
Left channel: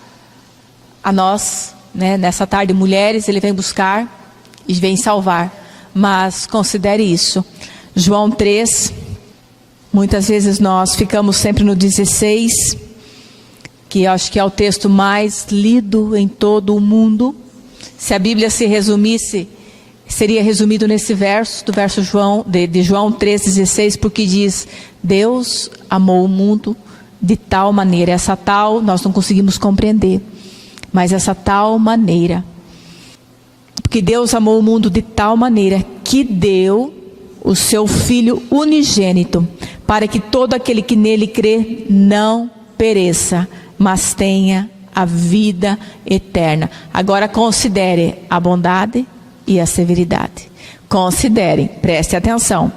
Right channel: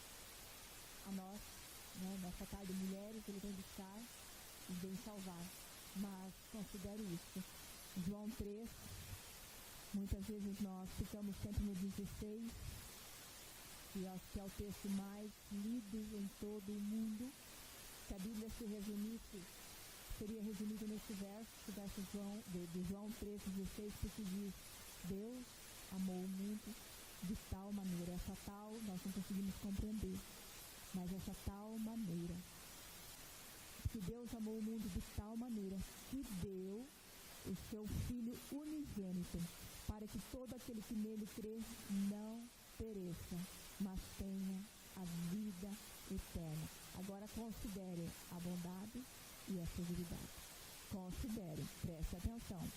a nós, nessa tarde, mulheres, Ele vem buscar e vem salvar. Mas considere isso. João 3, muitas vezes nós ficamos sempre no 16, que acho que é o texto mais lido em todo o mundo. Se a Bíblia se resumisse, seria resumido nesse verso, do verso de João 3,16, porque diz: Deus amou o mundo de tal maneira. Essa tal nós não conseguimos compreender, mas essa tal maneira, porque Deus amou o mundo de tal maneira que deu o seu Filho unigênito, para que todo aquele que nele crê não pereça, mas tenha a vida eterna. Agora considere a bondade e a severidade. Considere, preste atenção.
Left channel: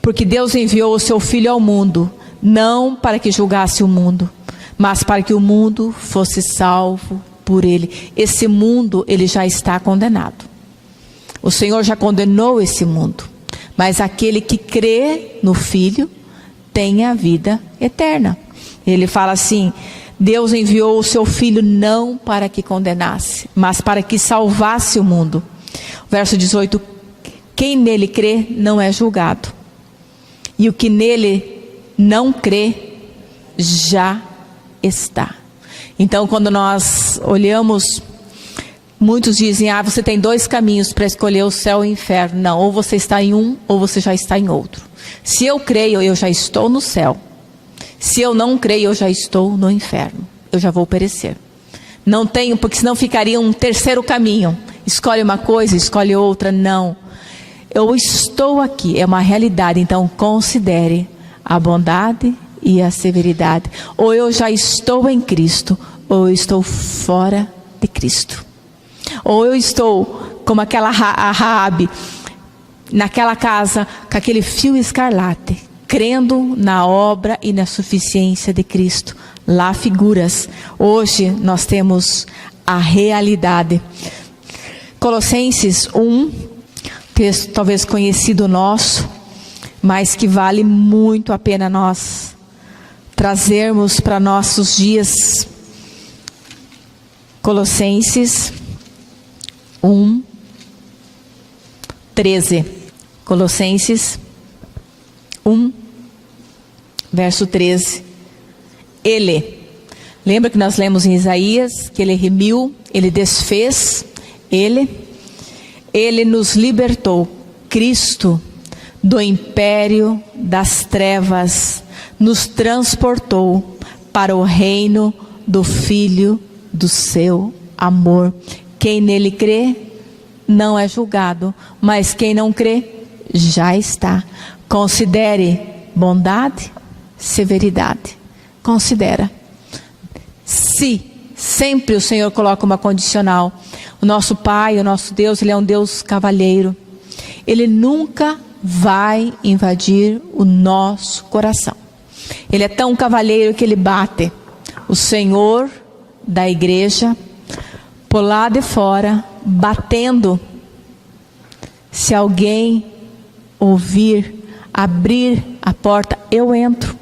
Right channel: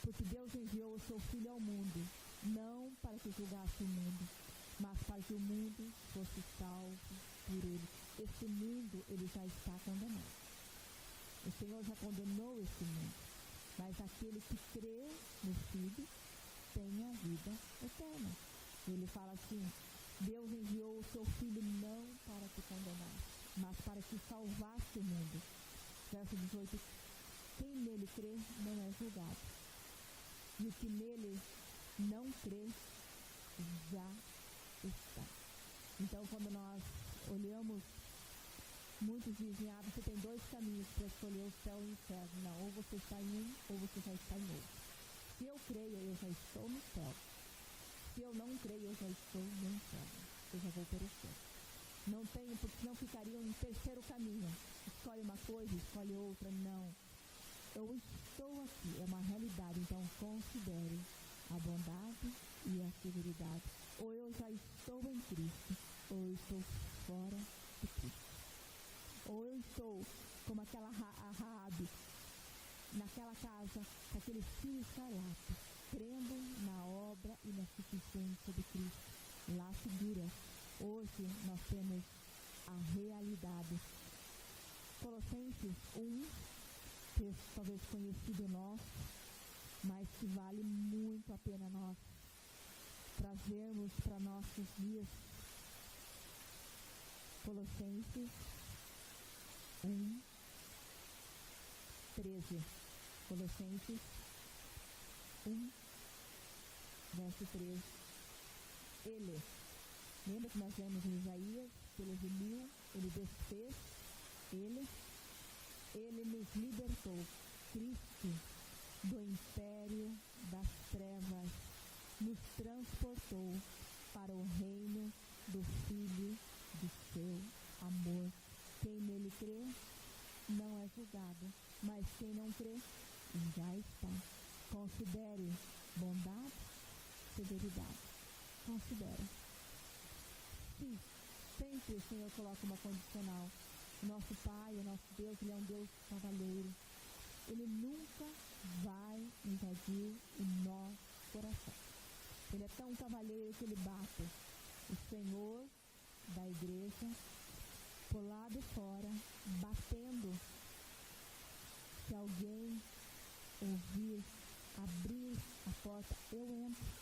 Porque Deus enviou o seu Filho ao mundo, não para que julgasse o mundo, mas para que o mundo fosse salvo por Ele. Esse mundo, ele já está condenado. O Senhor já condenou esse mundo. Mas aquele que crê no Filho tem a vida eterna. Ele fala assim: Deus enviou o seu Filho não para que condenasse, mas para que salvasse o mundo. Verso 18: quem nele crê não é julgado, e o que nele não crê já está. Então, quando nós olhamos, muitos dizem: você tem 2 caminhos para escolher o céu e o inferno. Não, ou você está em um, ou você já está em outro. Se eu creio, eu já estou no céu. Se eu não creio, eu já estou no inferno. Eu já vou perecer. Não tenho, porque senão ficaria um terceiro caminho. Escolhe uma coisa, escolhe outra. Não. Eu estou aqui, é uma realidade. Então considere a bondade e a severidade. Ou eu já estou em Cristo, ou eu estou fora de Cristo. Ou eu estou como aquela Raabe, naquela casa, com aquele fio escarlate, crendo na obra e na suficiência de Cristo. Lá figuras. Hoje nós temos a realidade. Colossenses 1, texto talvez conhecido nosso, mas que vale muito a pena nós trazermos para nossos dias. Colossenses 1, 13. Colossenses 1, verso 13. Ele, lembra que nós lemos em Isaías, que Ele remiu, Ele desfez, Ele nos libertou, Cristo, do império das trevas, nos transportou para o reino do Filho do seu amor. Quem nele crê não é julgado, mas quem não crê já está. Considere bondade, severidade. Considera. Se sempre o Senhor coloca uma condicional. O nosso Pai, o nosso Deus, Ele é um Deus cavalheiro. Ele nunca vai invadir o nosso coração. Ele é tão cavalheiro que Ele bate o Senhor da igreja por lá de fora, batendo. Se alguém ouvir, abrir a porta, eu entro.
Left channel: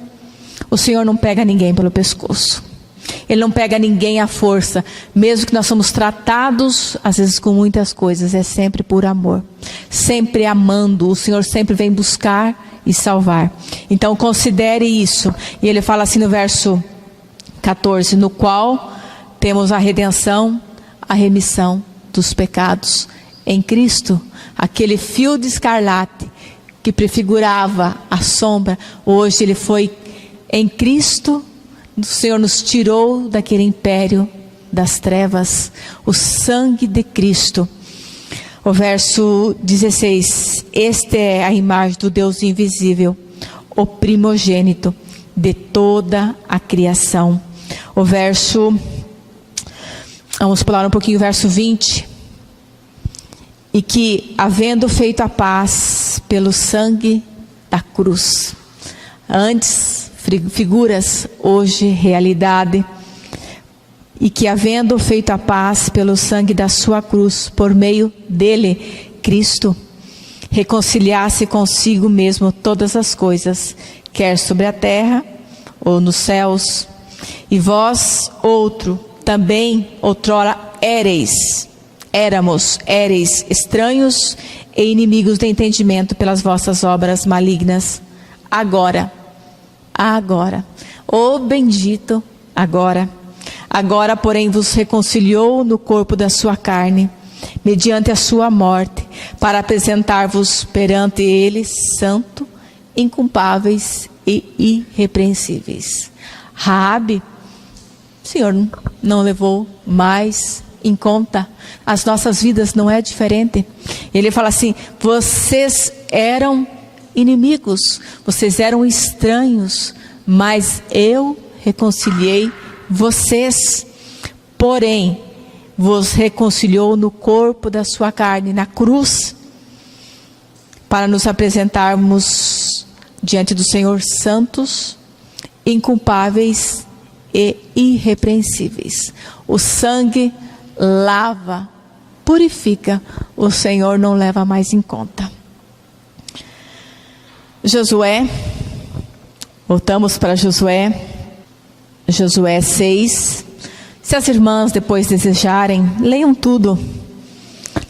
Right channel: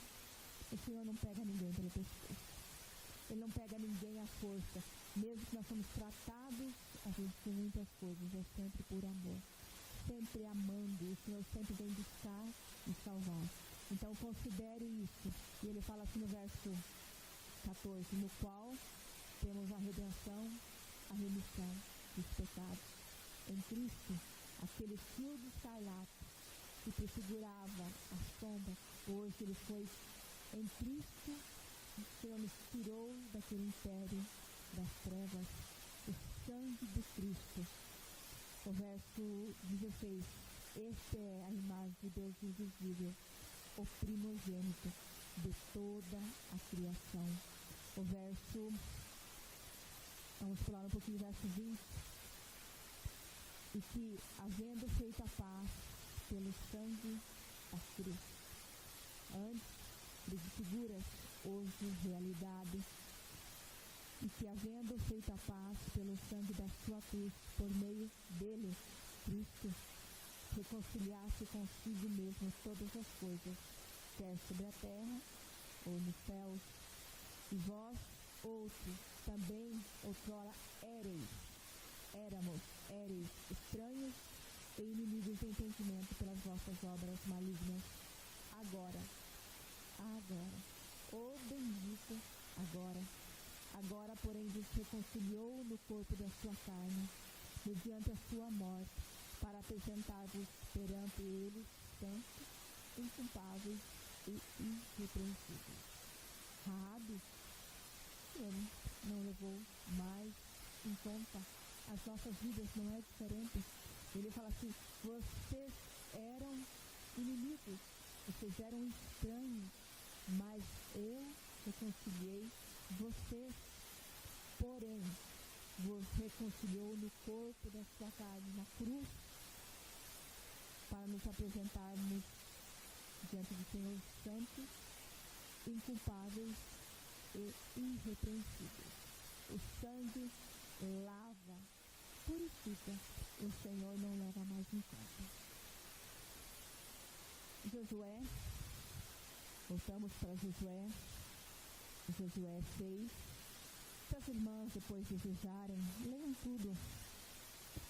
O Senhor não pega ninguém pelo pescoço. Ele não pega ninguém à força. Mesmo que nós somos tratados, às vezes, com muitas coisas, é sempre por amor. Sempre amando. O Senhor sempre vem buscar e salvar. Então, considere isso. E ele fala assim no verso 14, no qual temos a redenção, a remissão dos pecados em Cristo. Aquele fio de escarlate que prefigurava a sombra, hoje ele foi em Cristo. O Senhor nos tirou daquele império das trevas, o sangue de Cristo. O verso 16, esta é a imagem do Deus invisível, o primogênito de toda a criação. Vamos pular um pouquinho o verso 20. E que, havendo feito a paz pelo sangue da cruz, antes figuras, hoje realidade, e que, havendo feito a paz pelo sangue da sua cruz, por meio dele, Cristo, reconciliasse consigo mesmo todas as coisas, quer sobre a terra ou nos céus. E vós, também outrora éramos estranhos e inimigos de entendimento pelas vossas obras malignas. Agora, bendito agora, porém, vos reconciliou no corpo da sua carne, mediante a sua morte, para apresentar-vos perante ele santo, inculpáveis e irrepreensíveis. Raabe, o Senhor não levou mais em conta. As nossas vidas não é diferente. Ele fala assim: vocês eram inimigos, vocês eram estranhos, mas eu reconciliei vocês. Porém, vos reconciliou no corpo da sua carne, na cruz, para nos apresentarmos diante do Senhor santos, inculpáveis e irrepreensíveis. O sangue lava, purifica, o Senhor não leva mais em conta. Josué, voltamos para Josué 6. Se as irmãs depois desejarem, leiam tudo.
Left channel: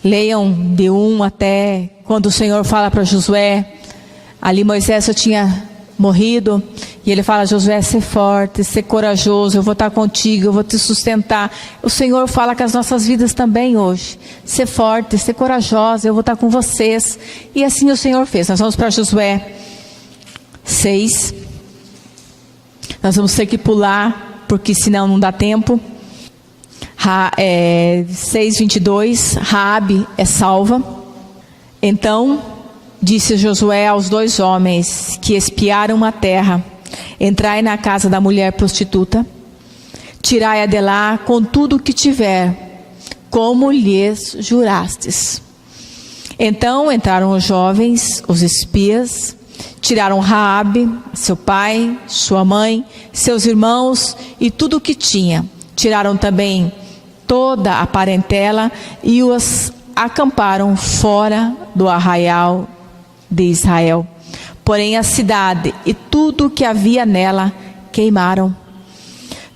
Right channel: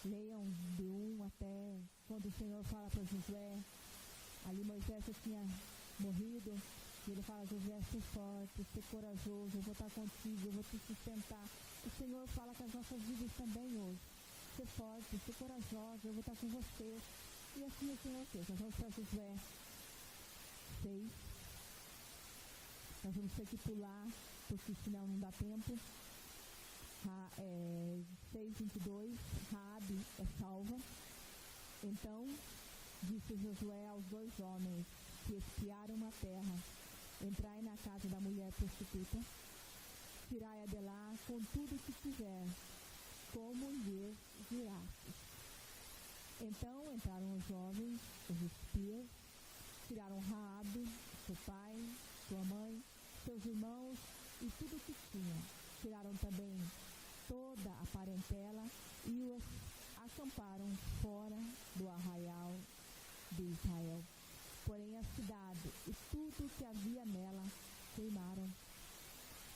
Leiam de 1 até quando o Senhor fala para Josué. Ali Moisés só tinha morrido, e ele fala: Josué, ser forte, ser corajoso, eu vou estar contigo, eu vou te sustentar. O Senhor fala com as nossas vidas também hoje: ser forte, ser corajosa, eu vou estar com vocês. E assim o Senhor fez. Nós vamos para Josué 6. Nós vamos ter que pular, porque senão não dá tempo. 6:22, Raabe é salva. Então disse Josué aos 2 homens que espiaram a terra: entrai na casa da mulher prostituta, tirai-a de lá com tudo o que tiver, como lhes jurastes. Então entraram os jovens, os espias, tiraram Raabe, seu pai, sua mãe, seus irmãos e tudo o que tinha. Tiraram também toda a parentela e os acamparam fora do arraial de Israel. Porém a cidade e tudo o que havia nela queimaram.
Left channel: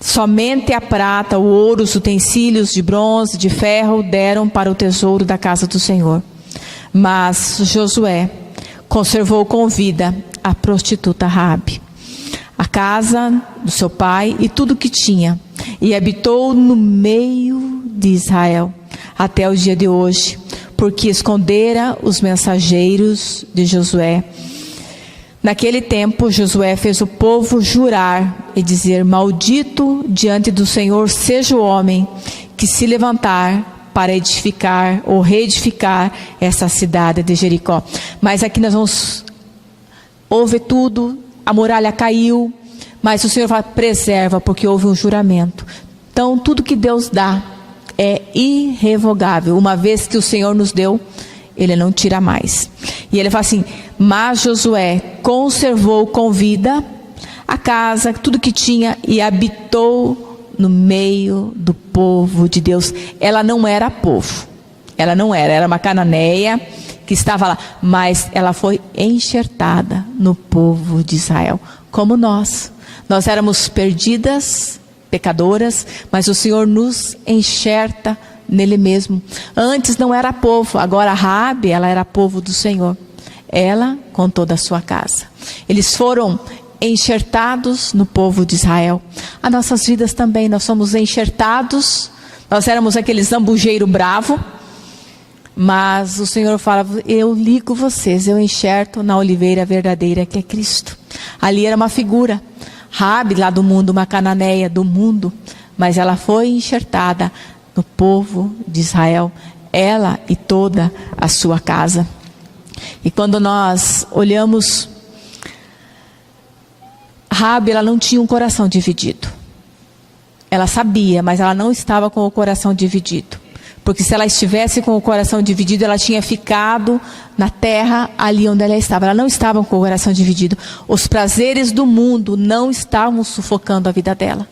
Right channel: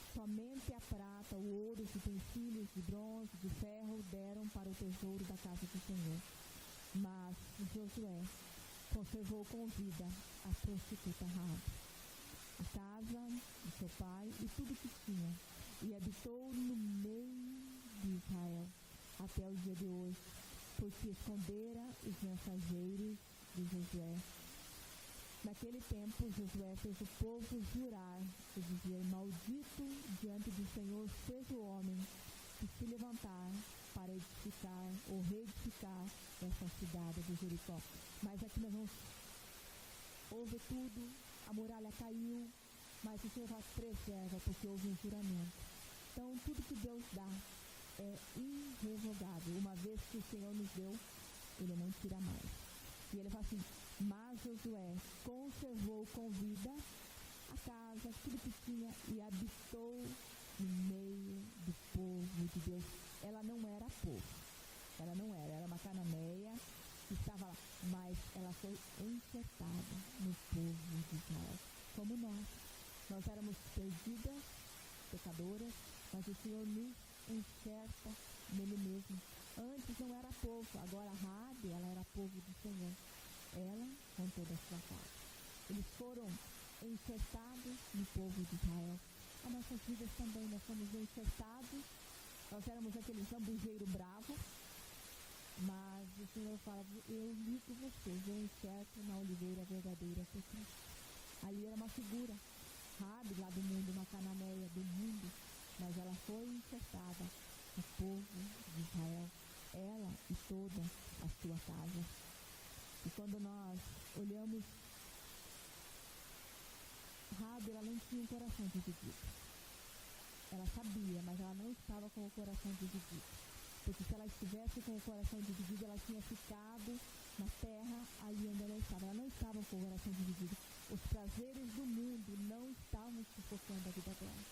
Somente a prata, o ouro, os utensílios de bronze, de ferro deram para o tesouro da casa do Senhor. Mas Josué conservou com vida a prostituta Raabe, a casa do seu pai e tudo o que tinha, e habitou no meio de Israel até o dia de hoje, porque escondera os mensageiros de Josué. Naquele tempo Josué fez o povo jurar e dizer: maldito diante do Senhor seja o homem que se levantar para edificar ou reedificar essa cidade de Jericó. Mas aqui nós vamos houve tudo, a muralha caiu, mas o Senhor fala: preserva, porque houve um juramento. Então tudo que Deus dá é irrevogável. Uma vez que o Senhor nos deu, Ele não tira mais. E Ele fala assim: mas Josué conservou com vida a casa, tudo que tinha, e habitou no meio do povo de Deus. Ela não era povo, era uma cananeia que estava lá, mas ela foi enxertada no povo de Israel, como nós éramos perdidas pecadoras, mas o Senhor nos enxerta nele mesmo. Antes não era povo, agora Raabe, ela era povo do Senhor. Ela com toda a sua casa. Eles foram enxertados no povo de Israel. As nossas vidas também, nós somos enxertados. Nós éramos aquele zambujeiro bravo, mas o Senhor fala: eu ligo vocês, eu enxerto na oliveira verdadeira que é Cristo. Ali era uma figura, Raabe lá do mundo, uma cananeia do mundo, mas ela foi enxertada no povo de Israel, ela e toda a sua casa. E quando nós olhamos, Raabe, ela não tinha um coração dividido. Ela sabia, mas ela não estava com o coração dividido. Porque se ela estivesse com o coração dividido, ela tinha ficado na terra ali onde ela estava. Ela não estava com o coração dividido. Os prazeres do mundo não estavam sufocando a vida dela.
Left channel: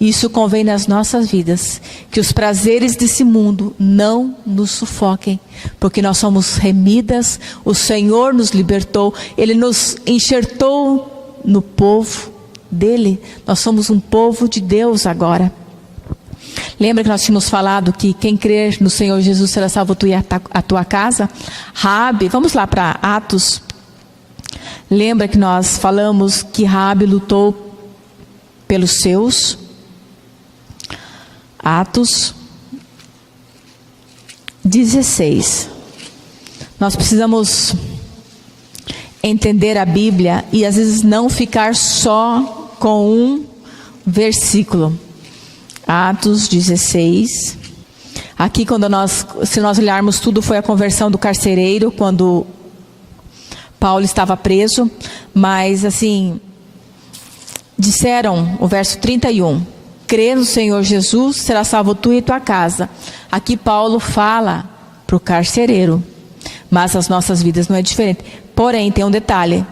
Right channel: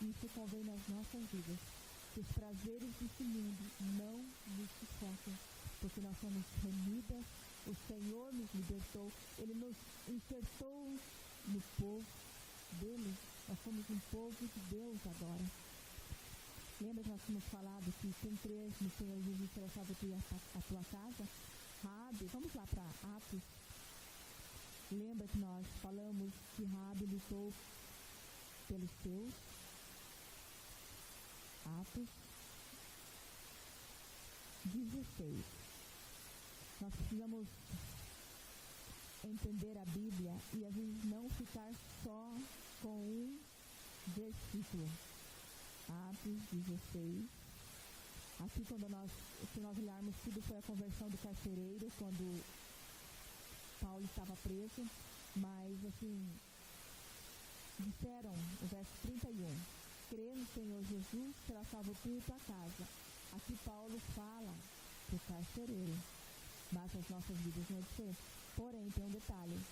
Isso convém nas nossas vidas, que os prazeres desse mundo não nos sufoquem, porque nós somos remidas, o Senhor nos libertou, Ele nos enxertou no povo dele, nós somos um povo de Deus agora. Lembra que nós tínhamos falado que quem crer no Senhor Jesus será salvo, tu e a tua casa? Raabe, vamos lá para Atos. Lembra que nós falamos que Raabe lutou pelos seus? Atos 16. Nós precisamos entender a Bíblia e às vezes não ficar só com um versículo. Atos 16. Aqui se nós olharmos tudo, foi a conversão do carcereiro quando Paulo estava preso. Mas assim, disseram, o verso 31, crê no Senhor Jesus, será salvo tu e tua casa. Aqui Paulo fala para o carcereiro, mas as nossas vidas não é diferente. Porém, tem um detalhe:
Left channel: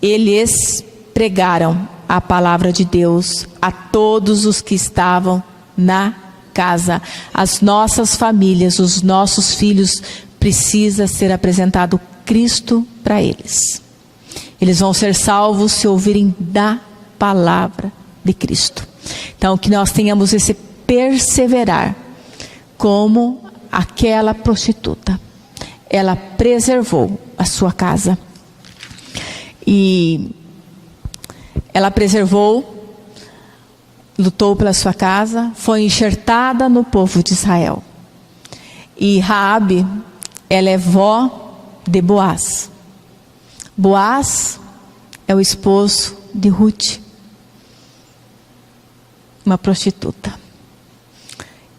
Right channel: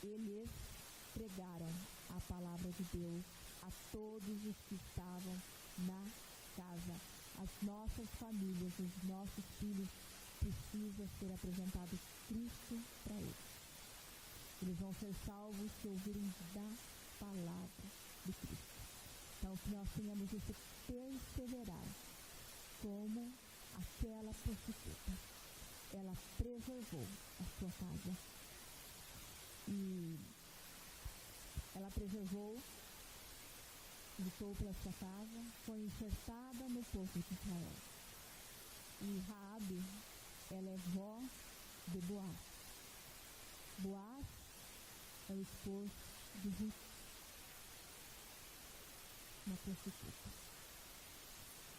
eles pregaram a palavra de Deus a todos os que estavam na casa. As nossas famílias, os nossos filhos, precisa ser apresentado Cristo para eles. Eles vão ser salvos se ouvirem da palavra de Cristo. Então, que nós tenhamos esse perseverar, como aquela prostituta. Ela preservou a sua casa. E ela preservou, lutou pela sua casa, foi enxertada no povo de Israel. E Raabe, ela é vó de Boaz. Boaz é o esposo de Ruth, uma prostituta.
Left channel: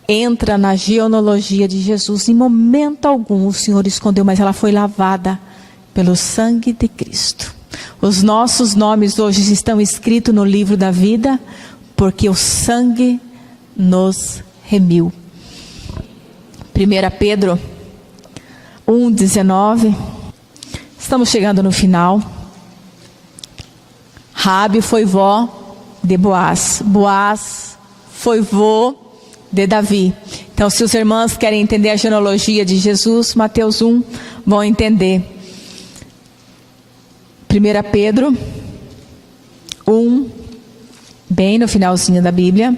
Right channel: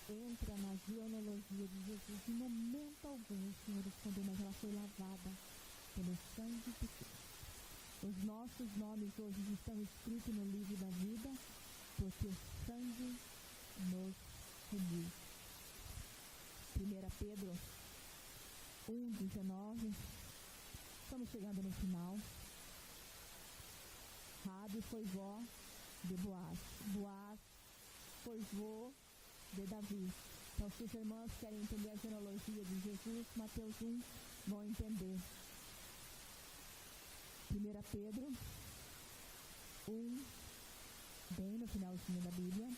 Entra na genealogia de Jesus. Em momento algum o Senhor escondeu, mas ela foi lavada pelo sangue de Cristo. Os nossos nomes hoje estão escritos no livro da vida, porque o sangue nos remiu. 1 Pedro 1,19. Estamos chegando no final. Raabe foi vó de Boaz. Boaz foi vô de Davi. Então, se os irmãos querem entender a genealogia de Jesus, Mateus 1, vão entender. 1 Pedro 1, bem no finalzinho da Bíblia,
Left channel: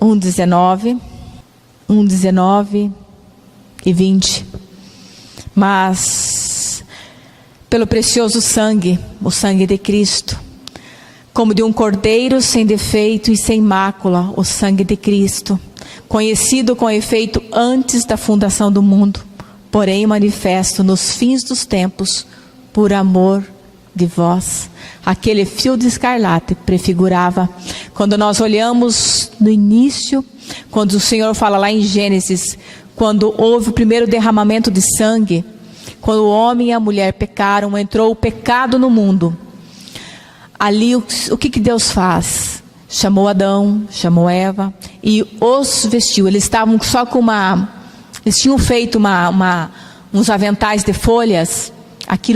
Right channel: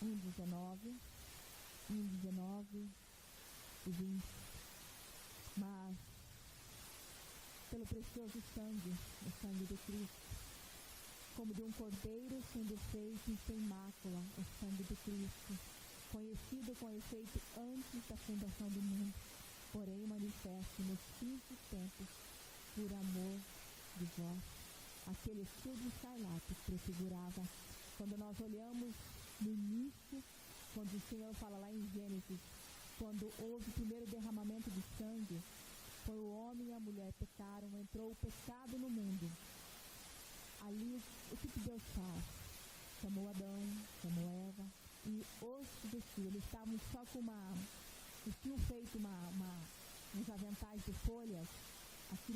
1,19 e 20. Mas, pelo precioso sangue, o sangue de Cristo, como de um cordeiro sem defeito e sem mácula, o sangue de Cristo, conhecido com efeito antes da fundação do mundo, porém manifesto nos fins dos tempos, por amor de vós. Aquele fio de escarlate prefigurava, quando nós olhamos no início, quando o Senhor fala lá em Gênesis, quando houve o primeiro derramamento de sangue, quando o homem e a mulher pecaram, entrou o pecado no mundo. Ali o que Deus faz? Chamou Adão, chamou Eva e os vestiu. Eles estavam só com eles tinham feito uns aventais de folhas.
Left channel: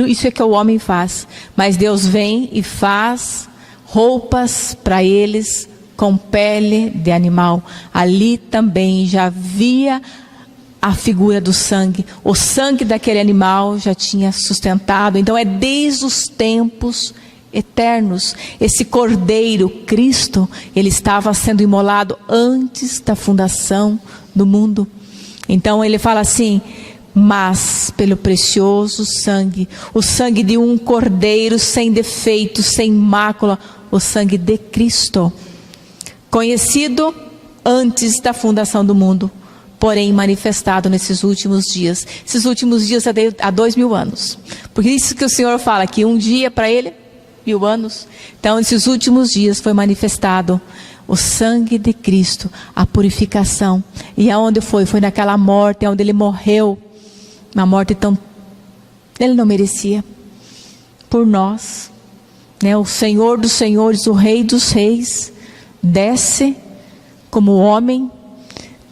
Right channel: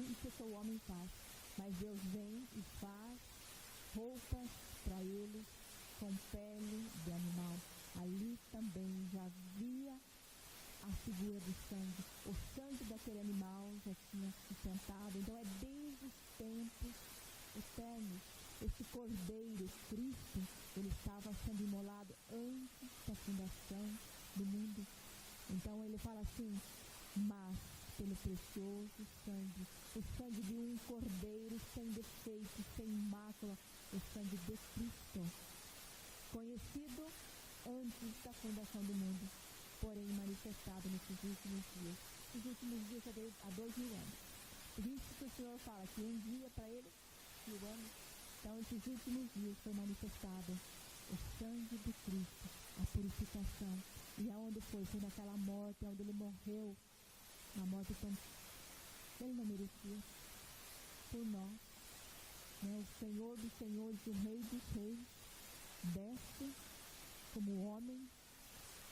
Isso é que o homem faz. Mas Deus vem e faz roupas para eles com pele de animal. Ali também já havia a figura do sangue. O sangue daquele animal já tinha sustentado. Então é desde os tempos eternos. Esse Cordeiro, Cristo, ele estava sendo imolado antes da fundação do mundo. Então ele fala assim: mas pelo precioso sangue, o sangue de um Cordeiro sem defeito, sem mácula, o sangue de Cristo, conhecido antes da fundação do mundo, porém manifestado nesses últimos dias. Esses últimos dias há 2000 anos. Porque isso que o Senhor fala, que um dia para Ele, 1000 anos. Então, nesses últimos dias foi manifestado o sangue de Cristo, a purificação. E aonde foi? Foi naquela morte, onde Ele morreu. Uma morte tão... Ele não merecia. Por nós. Né? O Senhor dos Senhores, o Rei dos Reis, desce como homem,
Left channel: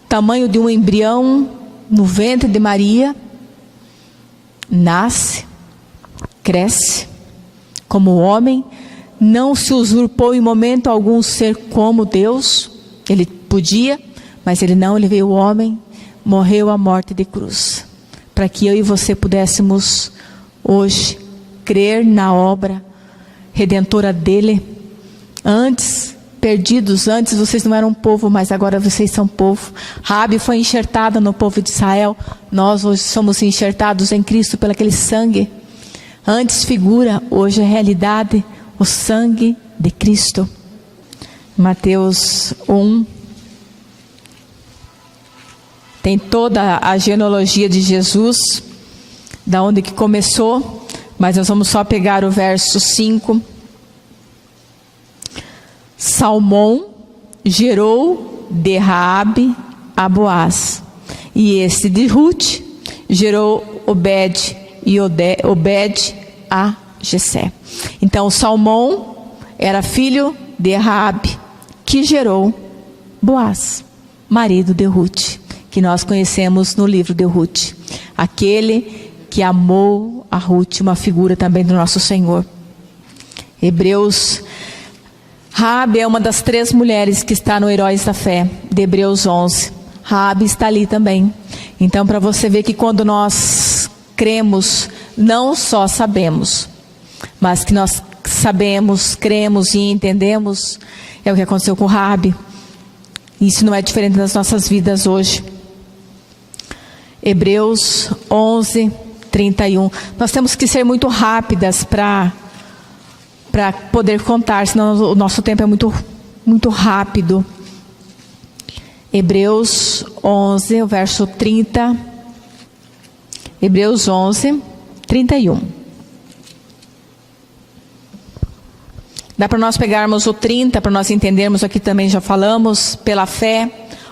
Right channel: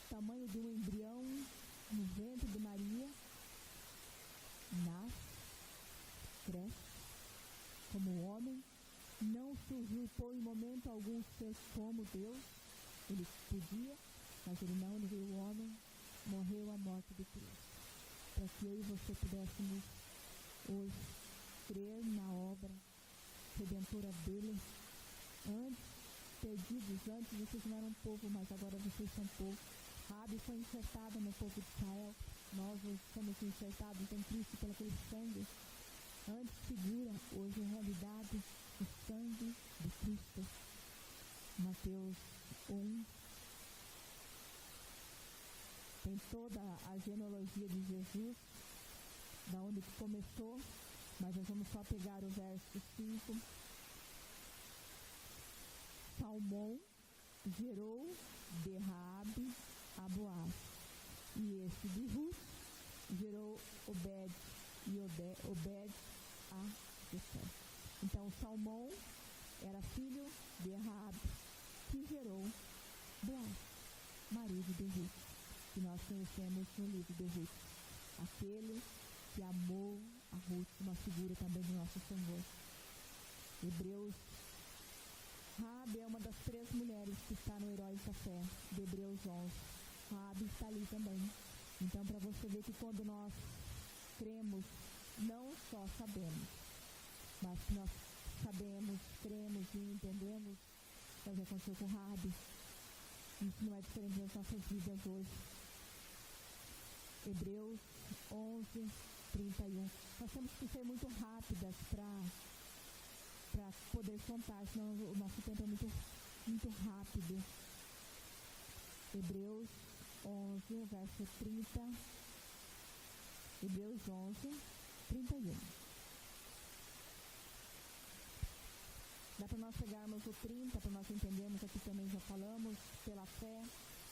tamanho de um embrião no ventre de Maria, nasce, cresce como homem, não se usurpou em momento algum ser como Deus. Ele podia, mas ele não, ele veio homem, morreu a morte de cruz, para que eu e você pudéssemos hoje crer na obra redentora dele. Antes, perdidos, antes vocês não eram povo, mas agora vocês são povo. Raabe foi enxertada no povo de Israel, nós hoje somos enxertados em Cristo pelo aquele sangue. Antes figura, hoje é realidade, o sangue de Cristo. Mateus 1 tem toda a genealogia de Jesus, da onde que começou, mas nós vamos só pegar o verso 5. Salmão gerou de Raabe a Boaz, e este de Ruth gerou Obed, e Obed a Jessé. Então Salmão era filho de Raabe, que gerou Boaz, marido de Ruth, que nós conhecemos no livro de Ruth, aquele que amou a Ruth, uma figura também do nosso Senhor. Hebreus, Raabe é uma das 3 mulheres que está no Heróis da Fé, de Hebreus 11. Raabe está ali também. Então, para você ver que quando nós cremos, não só sabemos, mas que nós sabemos, cremos e entendemos, é o que aconteceu com Raabe. Isso não é diferente das nossas vidas hoje. Hebreus 11, 31. Nós temos que ser muito rápidas para poder contar, senão o nosso tempo é muito rápido. Hebreus 11, o verso 30. Hebreus 11, 31. Dá para nós pegarmos o 30, para nós entendermos, aqui também já falamos. Pela fé,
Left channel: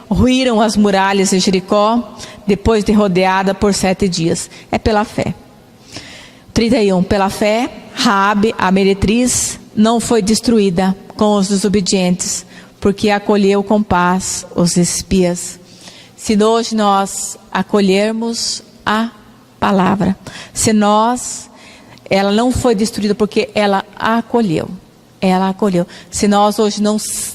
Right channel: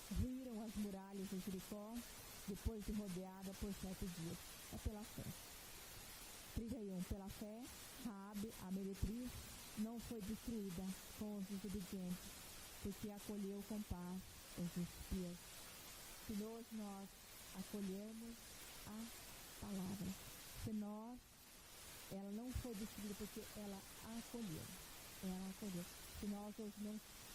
ruíram as muralhas de Jericó, depois de rodeada por 7 dias. É pela fé. 31. Pela fé, Raabe, a meretriz, não foi destruída com os desobedientes, porque acolheu com paz os espias. Se hoje nós acolhermos a palavra, ela não foi destruída porque ela acolheu. Ela acolheu. Se nós hoje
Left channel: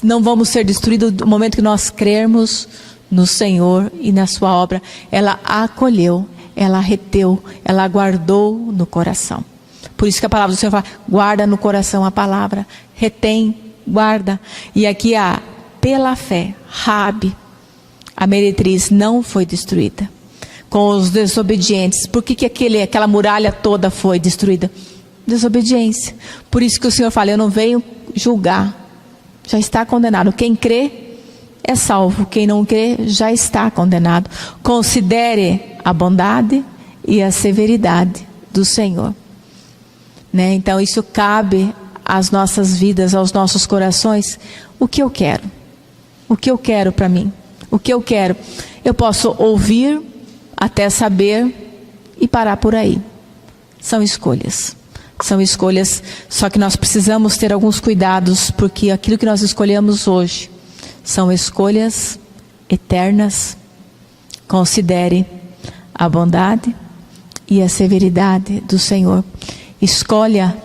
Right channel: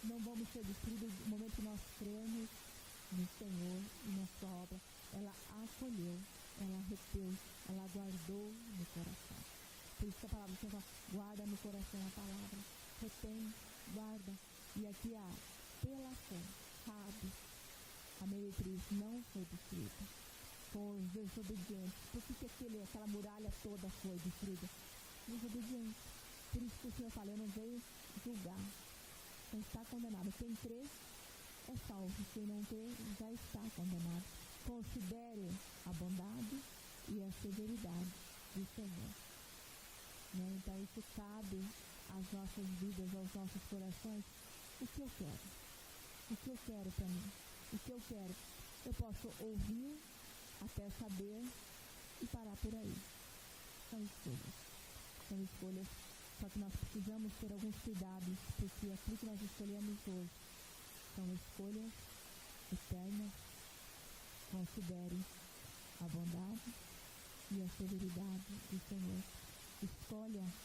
não vamos ser destruídos no momento que nós crermos no Senhor e na sua obra, ela acolheu, ela reteu, ela guardou no coração. Por isso que a palavra do Senhor fala, guarda no coração a palavra, retém, guarda. E aqui pela fé, Raabe, a meretriz, não foi destruída com os desobedientes. Por que aquela muralha toda foi destruída? Desobediência. Por isso que o Senhor fala, eu não venho julgar, já está condenado. Quem crê é salvo, quem não crê já está condenado. Considere a bondade e a severidade do Senhor, né? Então isso cabe às nossas vidas, aos nossos corações. O que eu quero? O que eu quero para mim? O que eu quero? Eu posso ouvir até saber e parar por aí. São escolhas. São escolhas, só que nós precisamos ter alguns cuidados, porque aquilo que nós escolhemos hoje são escolhas eternas. Considere a bondade e a severidade do Senhor. Escolha,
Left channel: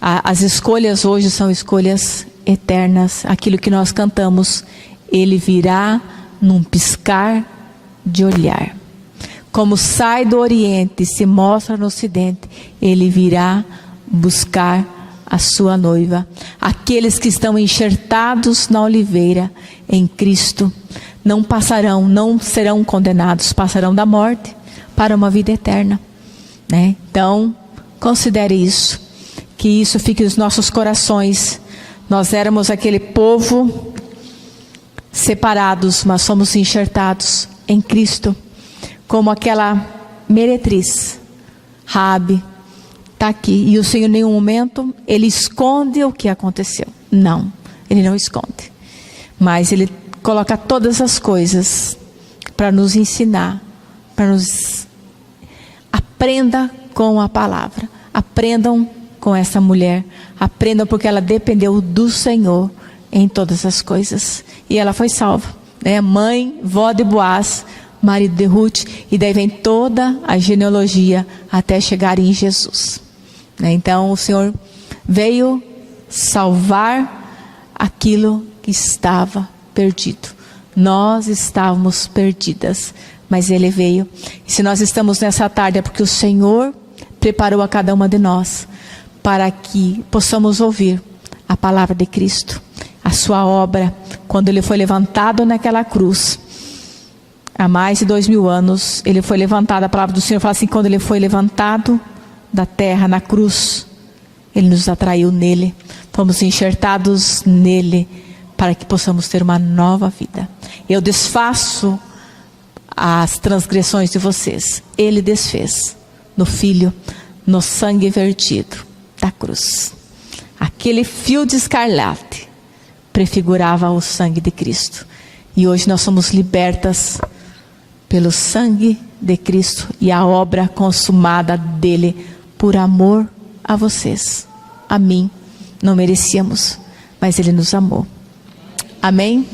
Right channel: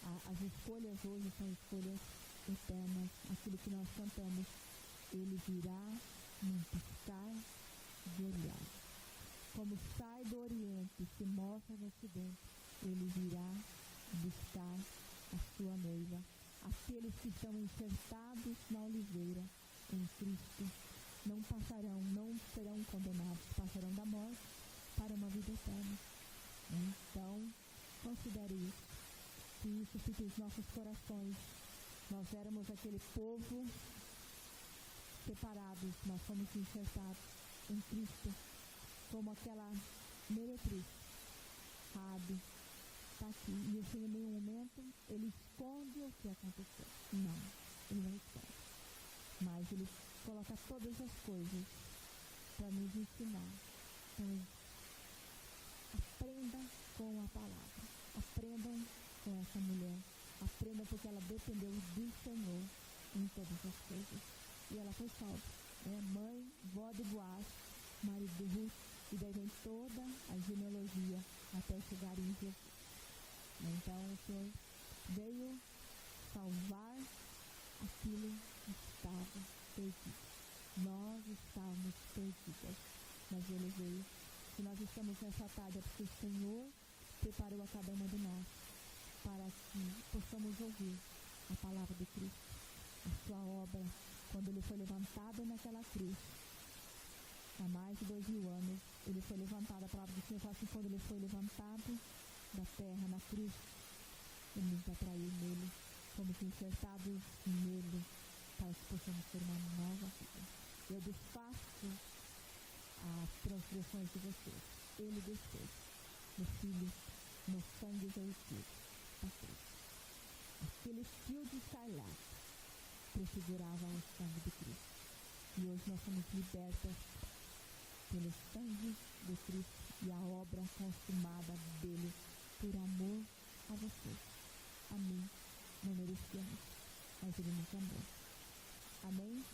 as escolhas hoje são escolhas eternas. Aquilo que nós cantamos, Ele virá num piscar de olhar. Como sai do Oriente e se mostra no Ocidente, Ele virá buscar a sua noiva. Aqueles que estão enxertados na oliveira em Cristo não passarão, não serão condenados, passarão da morte para uma vida eterna, né? Então, considere isso, que isso fique nos nossos corações. Nós éramos aquele povo separados, mas somos enxertados em Cristo, como aquela meretriz, Raabe, está aqui. E o Senhor, em nenhum momento, Ele esconde o que aconteceu. Não, Ele não esconde. Mas Ele coloca todas as coisas para nos ensinar, para nos... Aprenda com a palavra. Aprendam com essa mulher. Aprendam porque ela dependeu do Senhor em todas as coisas. E ela foi salva, né? Mãe, vó de Boaz, marido de Ruth. E daí vem toda a genealogia até chegar em Jesus. Então o Senhor veio salvar aquilo que estava perdido. Nós estávamos perdidas, mas Ele veio. E se nós estamos nessa tarde é porque o Senhor preparou a cada uma de nós para que possamos ouvir a palavra de Cristo, a sua obra, quando Ele foi levantado naquela cruz. Há mais de 2000 anos, Ele foi levantado. A palavra do Senhor fala assim: quando Ele foi levantado da terra na cruz, Ele nos atraiu nele, fomos enxertados nele, para que possamos ter uma nova vida. Eu desfaço as transgressões de vocês. Ele desfez no Filho, no sangue vertido da cruz. Aquele fio de escarlate prefigurava o sangue de Cristo. E hoje nós somos libertas pelo sangue de Cristo e a obra consumada dele, por amor a vocês. A mim, não merecíamos, mas Ele nos amou. Amém?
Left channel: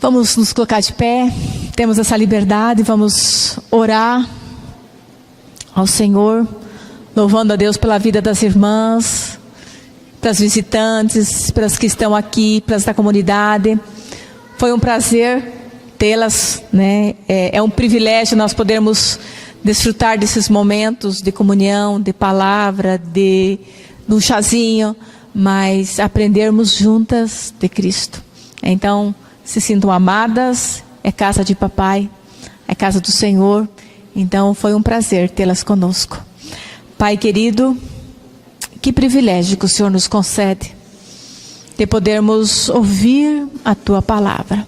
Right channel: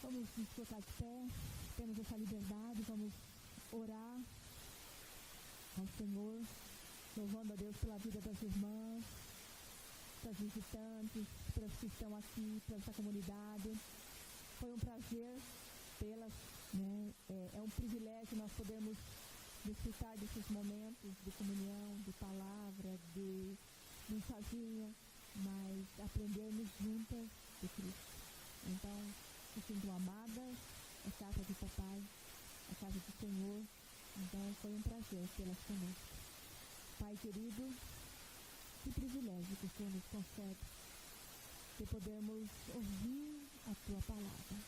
Vamos nos colocar de pé, temos essa liberdade, vamos orar ao Senhor, louvando a Deus pela vida das irmãs, pelas visitantes, pelas que estão aqui, pelas da comunidade. Foi um prazer tê-las, né? É um privilégio nós podermos desfrutar desses momentos de comunhão, de palavra, de um chazinho, mas aprendermos juntas de Cristo. Então, se sintam amadas, é casa de papai, é casa do Senhor. Então, foi um prazer tê-las conosco. Pai querido, que privilégio que o Senhor nos concede de podermos ouvir a Tua palavra.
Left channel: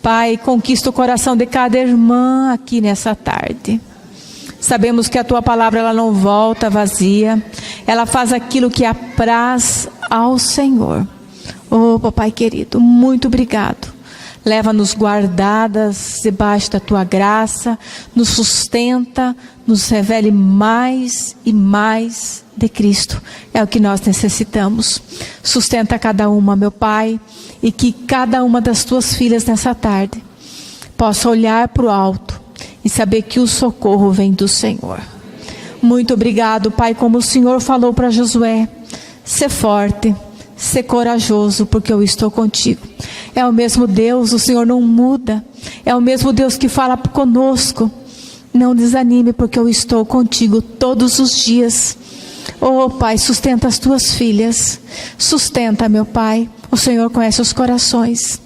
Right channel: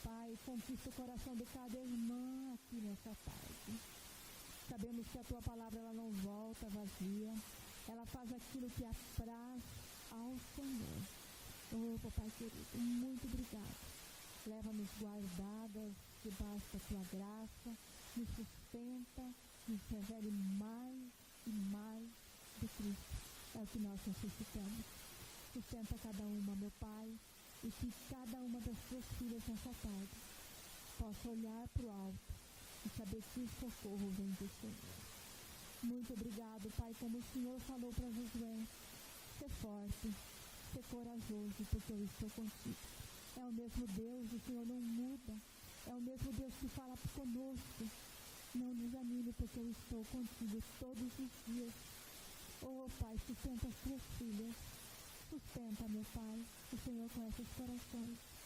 Pai, conquista o coração de cada irmã aqui nessa tarde. Sabemos que a Tua palavra ela não volta vazia. Ela faz aquilo que apraz ao Senhor. Oh, papai querido, muito obrigado. Leva-nos guardadas debaixo da Tua graça. Nos sustenta, nos revele mais e mais de Cristo. É o que nós necessitamos. Sustenta cada uma, meu Pai. E que cada uma das Tuas filhas nessa tarde possa olhar para o alto e saber que o socorro vem do Senhor. Muito obrigado, Pai, como o Senhor falou para Josué: ser forte, ser corajoso, porque eu estou contigo. É o mesmo Deus, o Senhor não muda. É o mesmo Deus que fala conosco: não desanime, porque eu estou contigo todos os dias. Oh, Pai, sustenta as Tuas filhas. Sustenta, meu Pai. O Senhor conhece os corações.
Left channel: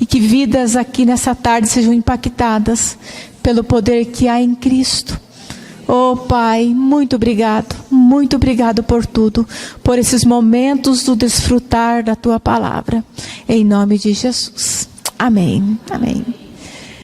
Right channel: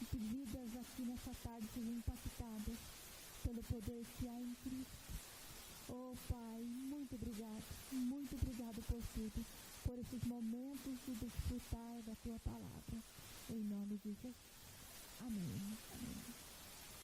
E que vidas aqui nessa tarde sejam impactadas pelo poder que há em Cristo. Oh, Pai, muito obrigado por tudo, por esses momentos do desfrutar da Tua palavra. Em nome de Jesus. Amém. Amém.